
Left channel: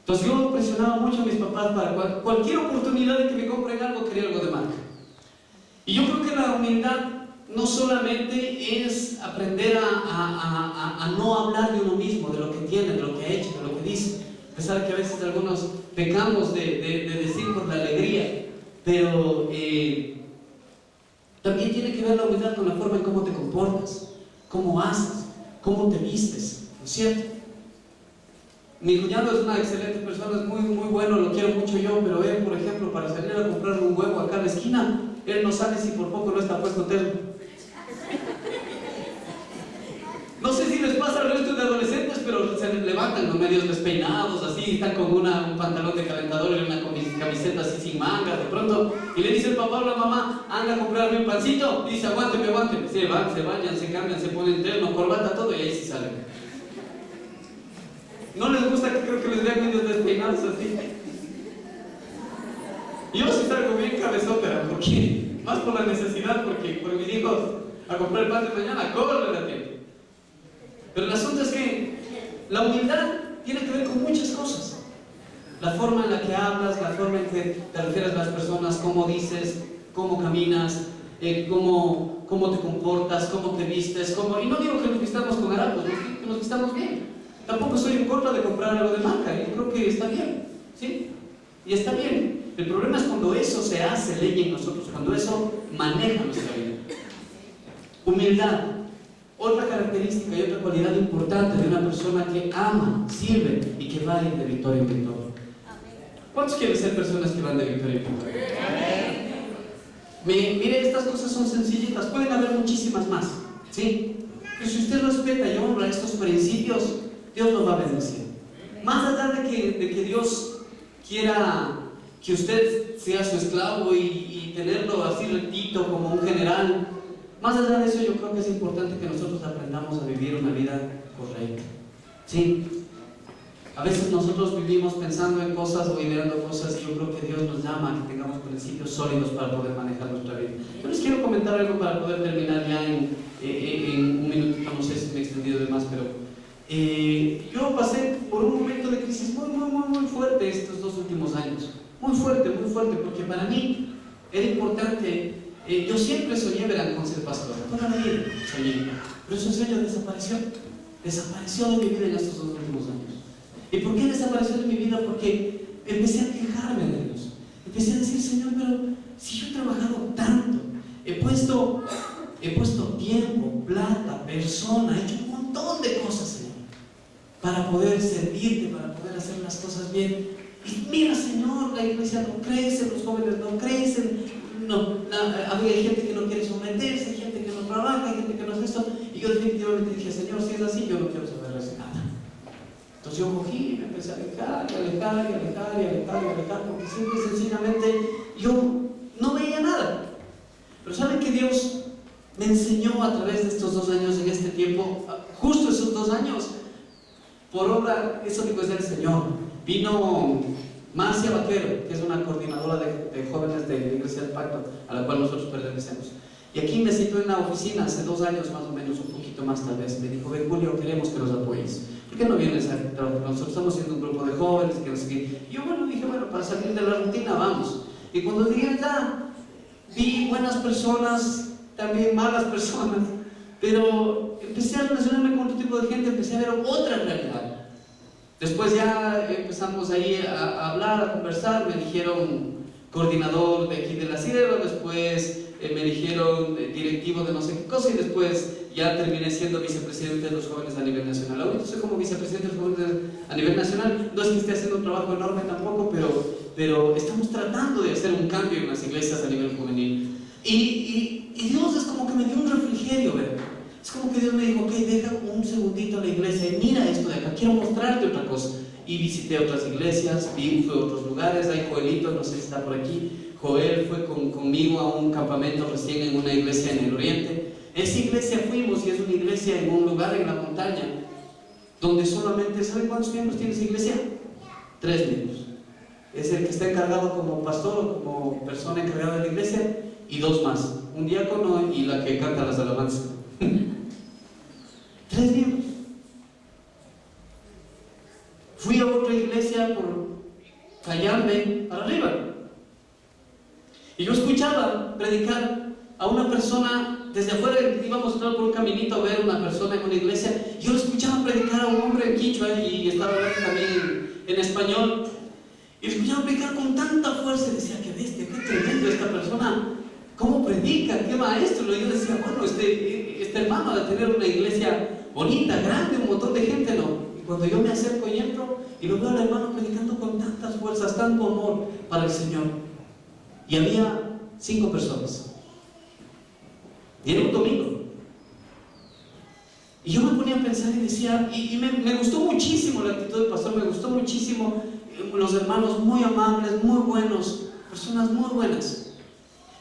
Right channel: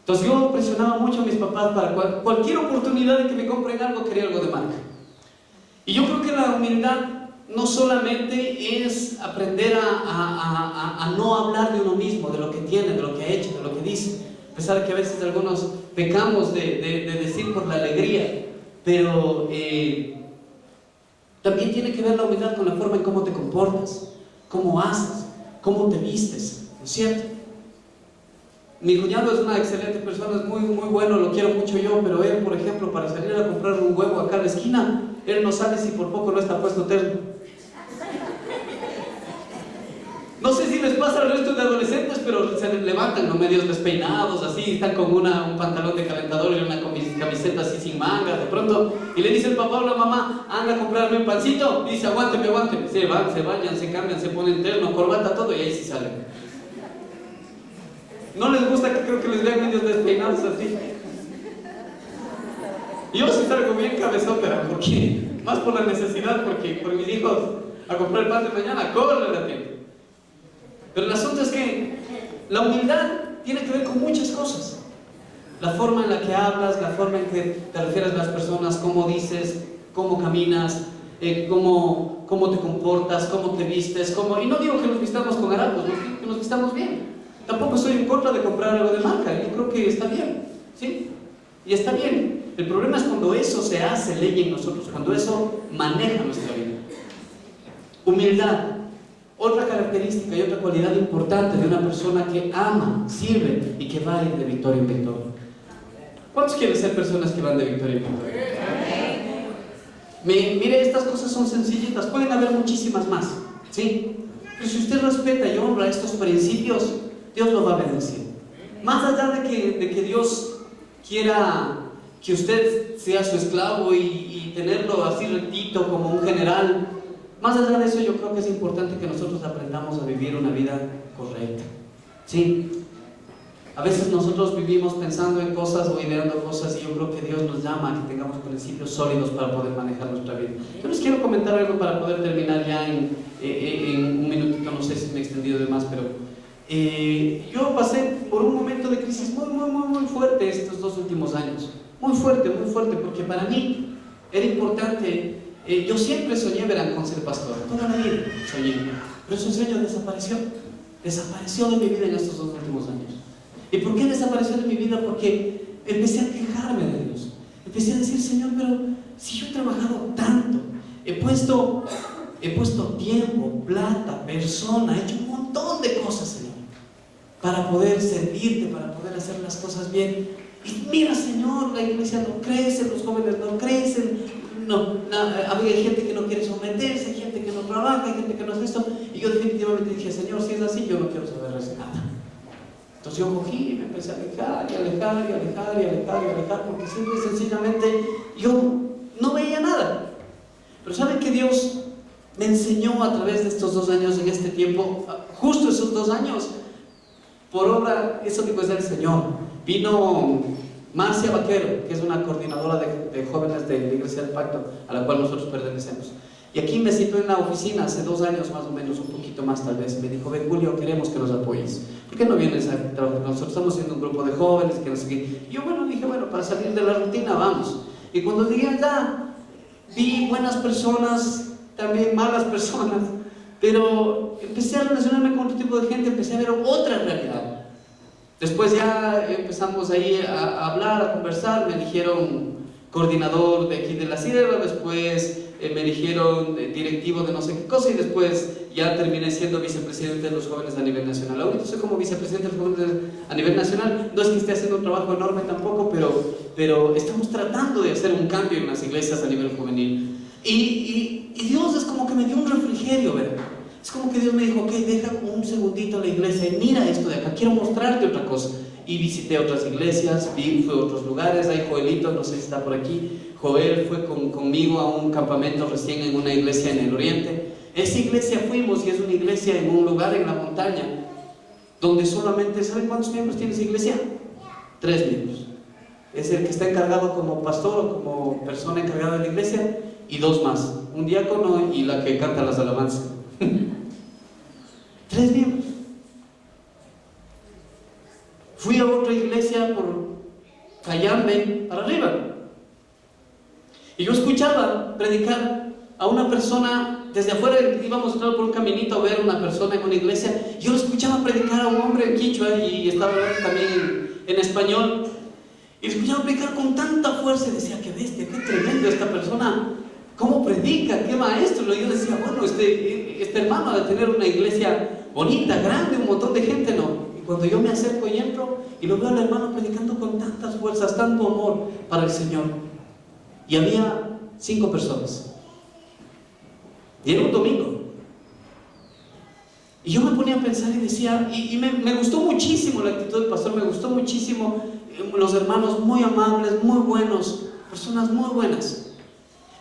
Entonces yo presionaba mucho a mis papás para cualquier oportunidad de que me compren algo, quería algo de marca. Y yo creo que la humildad no solamente es aprender a no hablar de uno mismo, de lo que tiene, de lo que ha hecho, de lo que dice, a pesar de que a veces algunos pecamos de decir por la alegría, pero también tiene que ver la humildad con la forma en cómo te comportas, cómo haces, cómo te vistes, ¿no es cierto? Mi cuñado es una excelente persona, es muy, muy bueno, lo quiero mucho yo, pero él, por ejemplo, para salir a comprar un huevo acá a la esquina, él no sabe si por poco no está puesto terno. No sé si les pasa al resto de adolescentes, pero se levantan los medios despeinados, así, están con un pantalón de calentador y una camiseta así sin mangas, de pronto, y le dice el papá o la mamá, anda a comprarme un pancito, y dice, aguánteme, se bañan, se cambian, se ponen terno, corbata, todo, y ahí sí salen. No les gusta que creo que les vean medios despeinados así. Yo sí salgo bien cabezópera, porque, más por la necesidad, porque por mis hijos, a comprar el pan de mañana, corren a tiempo. Pero el asunto es que la humildad tiene que ver con muchas cosas. La forma en la que hablas, la forma en que te refieres a las personas, cómo dices, cómo caminas, cómo te comportas, cómo te vistes, y no digo que nos vistamos con harapos, que nos vistamos bien. Tampoco estoy en contra de comprar algo de marca, yo creo que está bien, ¿sí? Y está bien. El problema es cuando eso se hace ley en nosotros, cuando eso maneja nuestra vida. Humildad. Otra característica y otra cualidad importante de una persona que ama, sirve y que va a ir de victoria en victoria. ¿Cuántos quieren ser personas que van de victoria en victoria? Mire, estas cosas son sencillitas, pueden haber muchísimas más, ¿sí? Pero si usted respeta y honra estos principios, Dios lo va a bendecir. Más allá de que Dios quiera que usted sea su esclavo y tenerlo así rectito como un general, más allá de eso yo creo que es importante que nosotros aprendamos a vivir una vida correcta, ¿sí? A veces nosotros vivimos pensando en cosas o ideando cosas y yo creo que Dios nos llama a que tengamos principios sólidos para poder manejar nuestra vida. Yo les quiero comentar algo para poder terminar ya en un minutito, no sé si me he extendido de más, pero yo pasé por un momento de crisis muy fuerte estos 2 últimos años. Muy fuerte, porque para mí era importante. Yo siempre soñé, verán, con ser pastor. Toda la vida soñé. Pero ese sueño desapareció de mi vida en estos 2 últimos años. ¿Y por qué desapareció de mi vida? Porque empecé a quejarme de Dios. Empecé a decir, Señor, pero si yo he trabajado tanto, he puesto tiempo, plata, persona, he hecho un montón de cosas, Señor, para poder servirte, para poder hacer las cosas bien. Y mira, Señor, la iglesia no crece, los jóvenes no crecen, había gente que no quiere someterse, gente que no trabaja, gente que no hace esto. Y yo definitivamente dije, Señor, si es así, yo no quiero saber de nada. Entonces yo cogí y me empecé a alejar, porque simple y sencillamente yo no veía nada. Pero ¿saben que Dios me enseñó a través de estos 2 años, en este tiempo, justo esos 2 años, por obra, eso digo es del Señor? Vino Marcia Vaquero, que es una coordinadora de jóvenes de la Iglesia del Pacto, a la cual nosotros pertenecemos. Y aquí me citó en la oficina hace 2 años más o menos, un poquito más tal vez. Me dijo, ven Julio, queremos que nos apoyes. ¿Por qué no vienes a trabajar? Nosotros estamos siendo un grupo de jóvenes que no sé qué. Y yo dije, para salir de la rutina vamos. Y cuando llegué allá, vi buenas personas, también malas personas, pero empecé a relacionarme con otro tipo de gente, empecé a ver otra realidad. Después ya empezamos ahí a hablar, a conversar, me dijeron coordinador de aquí de la Sierra, después me eligieron directivo de no sé qué cosa y después ya terminé siendo vicepresidente de los jóvenes a nivel nacional. Ahorita soy como vicepresidente de los jóvenes a nivel nacional. No es que esté haciendo un trabajo enorme tampoco, pero estamos tratando de hacer un cambio en las iglesias a nivel juvenil. Y Dios es como que me dio un refrigerio, ¿verdad? Es como que Dios me dijo, ok, deja un segundito la iglesia y mira esto de acá, quiero mostrarte otra cosa. Y visité otras iglesias, fui a otros lugares. Hay Joelito, no sé si está por aquí. Joel fue conmigo a un campamento recién en una iglesia en el oriente. Esa iglesia fuimos y es una iglesia en un lugar en la montaña donde solamente, ¿saben cuántos miembros tiene esa iglesia? 3 miembros. Es el que está encargado como pastor o como persona encargada de la iglesia y 2 más, un diácono y la que canta las alabanzas. 3 miembros. Fui a otra iglesia por Cayambe para arriba y yo escuchaba predicar a una persona desde afuera. Íbamos a entrar por un caminito a ver a una persona en una iglesia. Yo escuchaba predicar a un hombre en quichua y estaba hablando también en español, y escuchaba predicar con tanta fuerza y decía, qué bestia, qué tremendo esta persona, cómo predica, qué maestro. Y yo decía, bueno, este hermano ha de tener una iglesia bonita, grande, un montón de gente, ¿no? Y cuando yo me acerco y entro y lo veo al hermano predicando con tantas fuerzas, tanto amor para el Señor, y había 5 personas y era un domingo, y yo me ponía a pensar y decía, y me gustó muchísimo la actitud del pastor, me gustó muchísimo los hermanos, muy amables, muy buenos, personas muy buenas.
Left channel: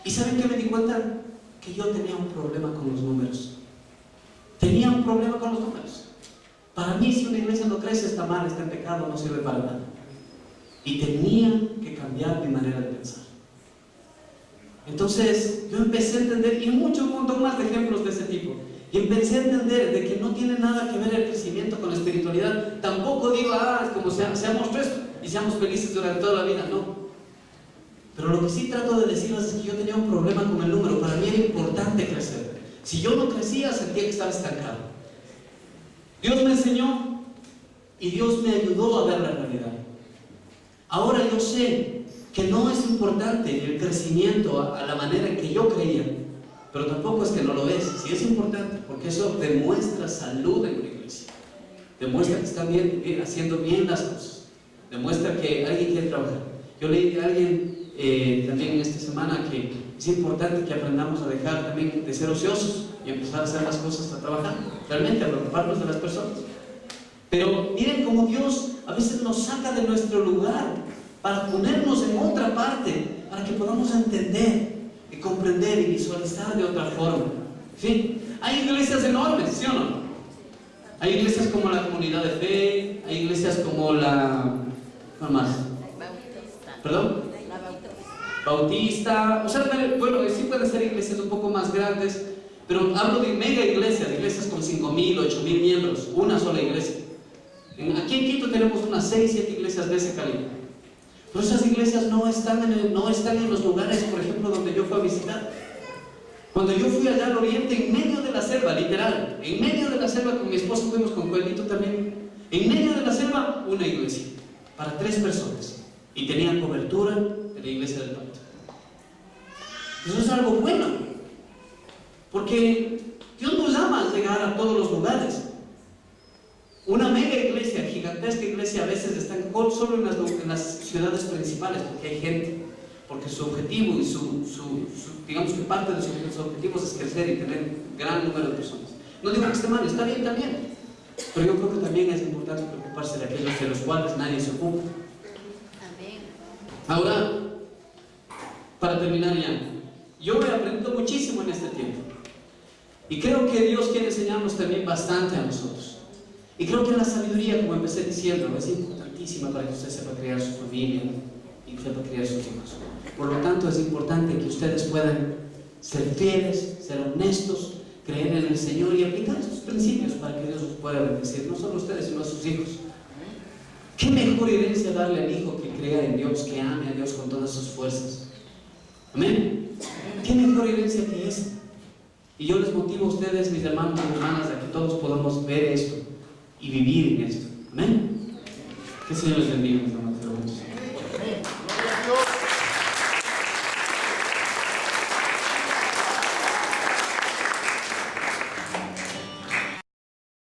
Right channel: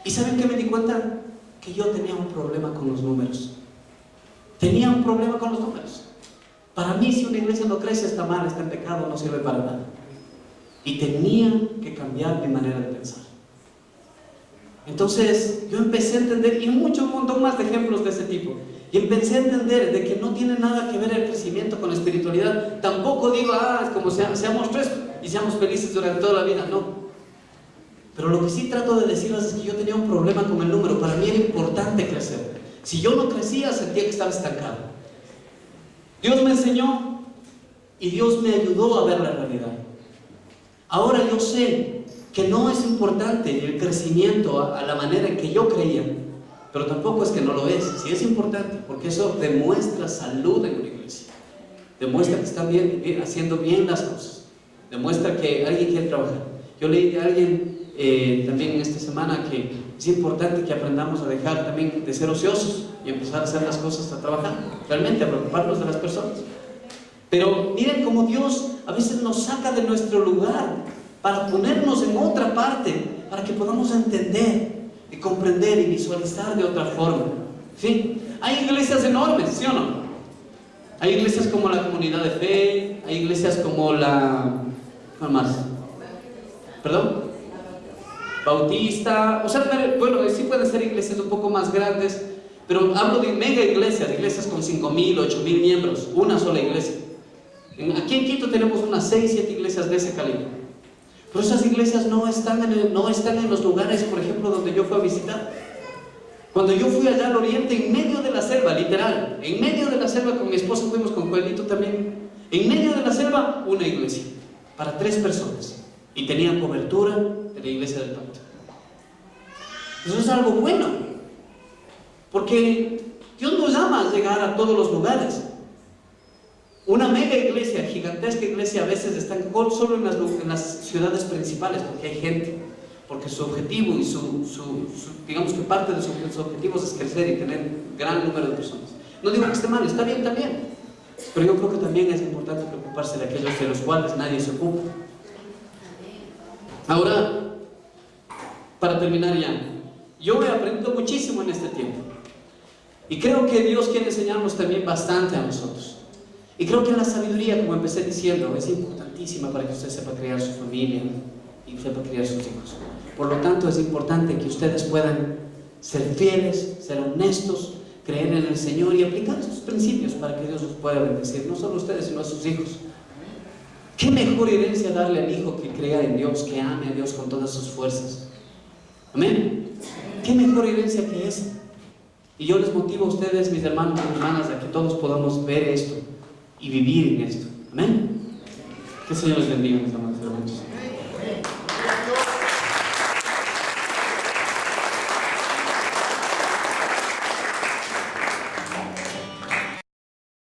¿Y saben qué me di cuenta? Que yo tenía un problema con los números. Tenía un problema con los números. Para mí, si una iglesia no crece, está mal, está en pecado, no sirve para nada. Y tenía que cambiar mi manera de pensar. Entonces, yo empecé a entender, y un montón más de ejemplos de ese tipo. Y empecé a entender de que no tiene nada que ver el crecimiento con la espiritualidad. Tampoco digo, es como seamos tres y seamos felices durante toda la vida, no. Pero lo que sí trato de decirles es que yo tenía un problema con el número. Para mí era importante crecer. Si yo no crecía, sentía que estaba estancado. Dios me enseñó y Dios me ayudó a ver la realidad. Ahora yo sé que no es importante el crecimiento a la manera en que yo creía, pero tampoco es que no lo es. Sí es importante, porque eso demuestra salud en una iglesia, demuestra que están haciendo bien las cosas, demuestra que alguien quiere trabajar. Yo leí de alguien también esta semana que es importante que aprendamos a dejar también de ser ociosos y empezar a hacer las cosas, a trabajar, realmente a preocuparnos de las personas. Pero miren cómo Dios a veces nos saca de nuestro lugar para ponernos en otra parte, para que podamos entender y comprender y visualizar de otra forma. ¿Sí? Hay iglesias enormes, ¿sí o no? Hay iglesias como la Comunidad de Fe, hay iglesias como la... ¿cuál más? ¿Perdón? Bautista. O sea, bueno, sí pueden ser iglesias un poco más grandes, pero hablo de mega iglesias, iglesias con 5,000, 8,000 miembros, una sola iglesia. Aquí en Quito tenemos unas 6, 7 iglesias de ese calibre. Pero esas iglesias no están en los lugares, por ejemplo, donde yo fui a visitar. Cuando yo fui allá al oriente, en medio de la selva, literal, en medio de la selva, con mi esposa fuimos con Coelito también, en medio de la selva, una iglesia, para 3 personas. Y tenían cobertura de la iglesia del pacto. Eso es algo bueno, porque Dios nos llama a llegar a todos los lugares. Una mega iglesia, gigantesca iglesia, a veces está solo en las ciudades principales, porque hay gente, porque su objetivo y digamos que parte de sus objetivos es crecer y tener un gran número de personas. No digo que esté mal, está bien también, pero yo creo que también es importante preocuparse de aquellos de los cuales nadie se ocupa. Ahora, para terminar ya, yo he aprendido muchísimo en este tiempo y creo que Dios quiere enseñarnos también bastante a nosotros. Y creo que la sabiduría, como empecé diciendo, es importantísima para que usted sepa criar su familia y sepa criar sus hijos. Por lo tanto, es importante que ustedes puedan ser fieles, ser honestos, creer en el Señor y aplicar sus principios para que Dios los pueda bendecir, no solo a ustedes, sino a sus hijos. ¿Qué mejor herencia darle al hijo que crea en Dios, que ame a Dios con todas sus fuerzas? ¿Amén? ¿Qué mejor herencia que esa? Y yo les motivo a ustedes, mis hermanos y hermanas, a que todos podamos ver esto y vivir en esto. Amén. Que el Señor les bendiga, mis hermanos.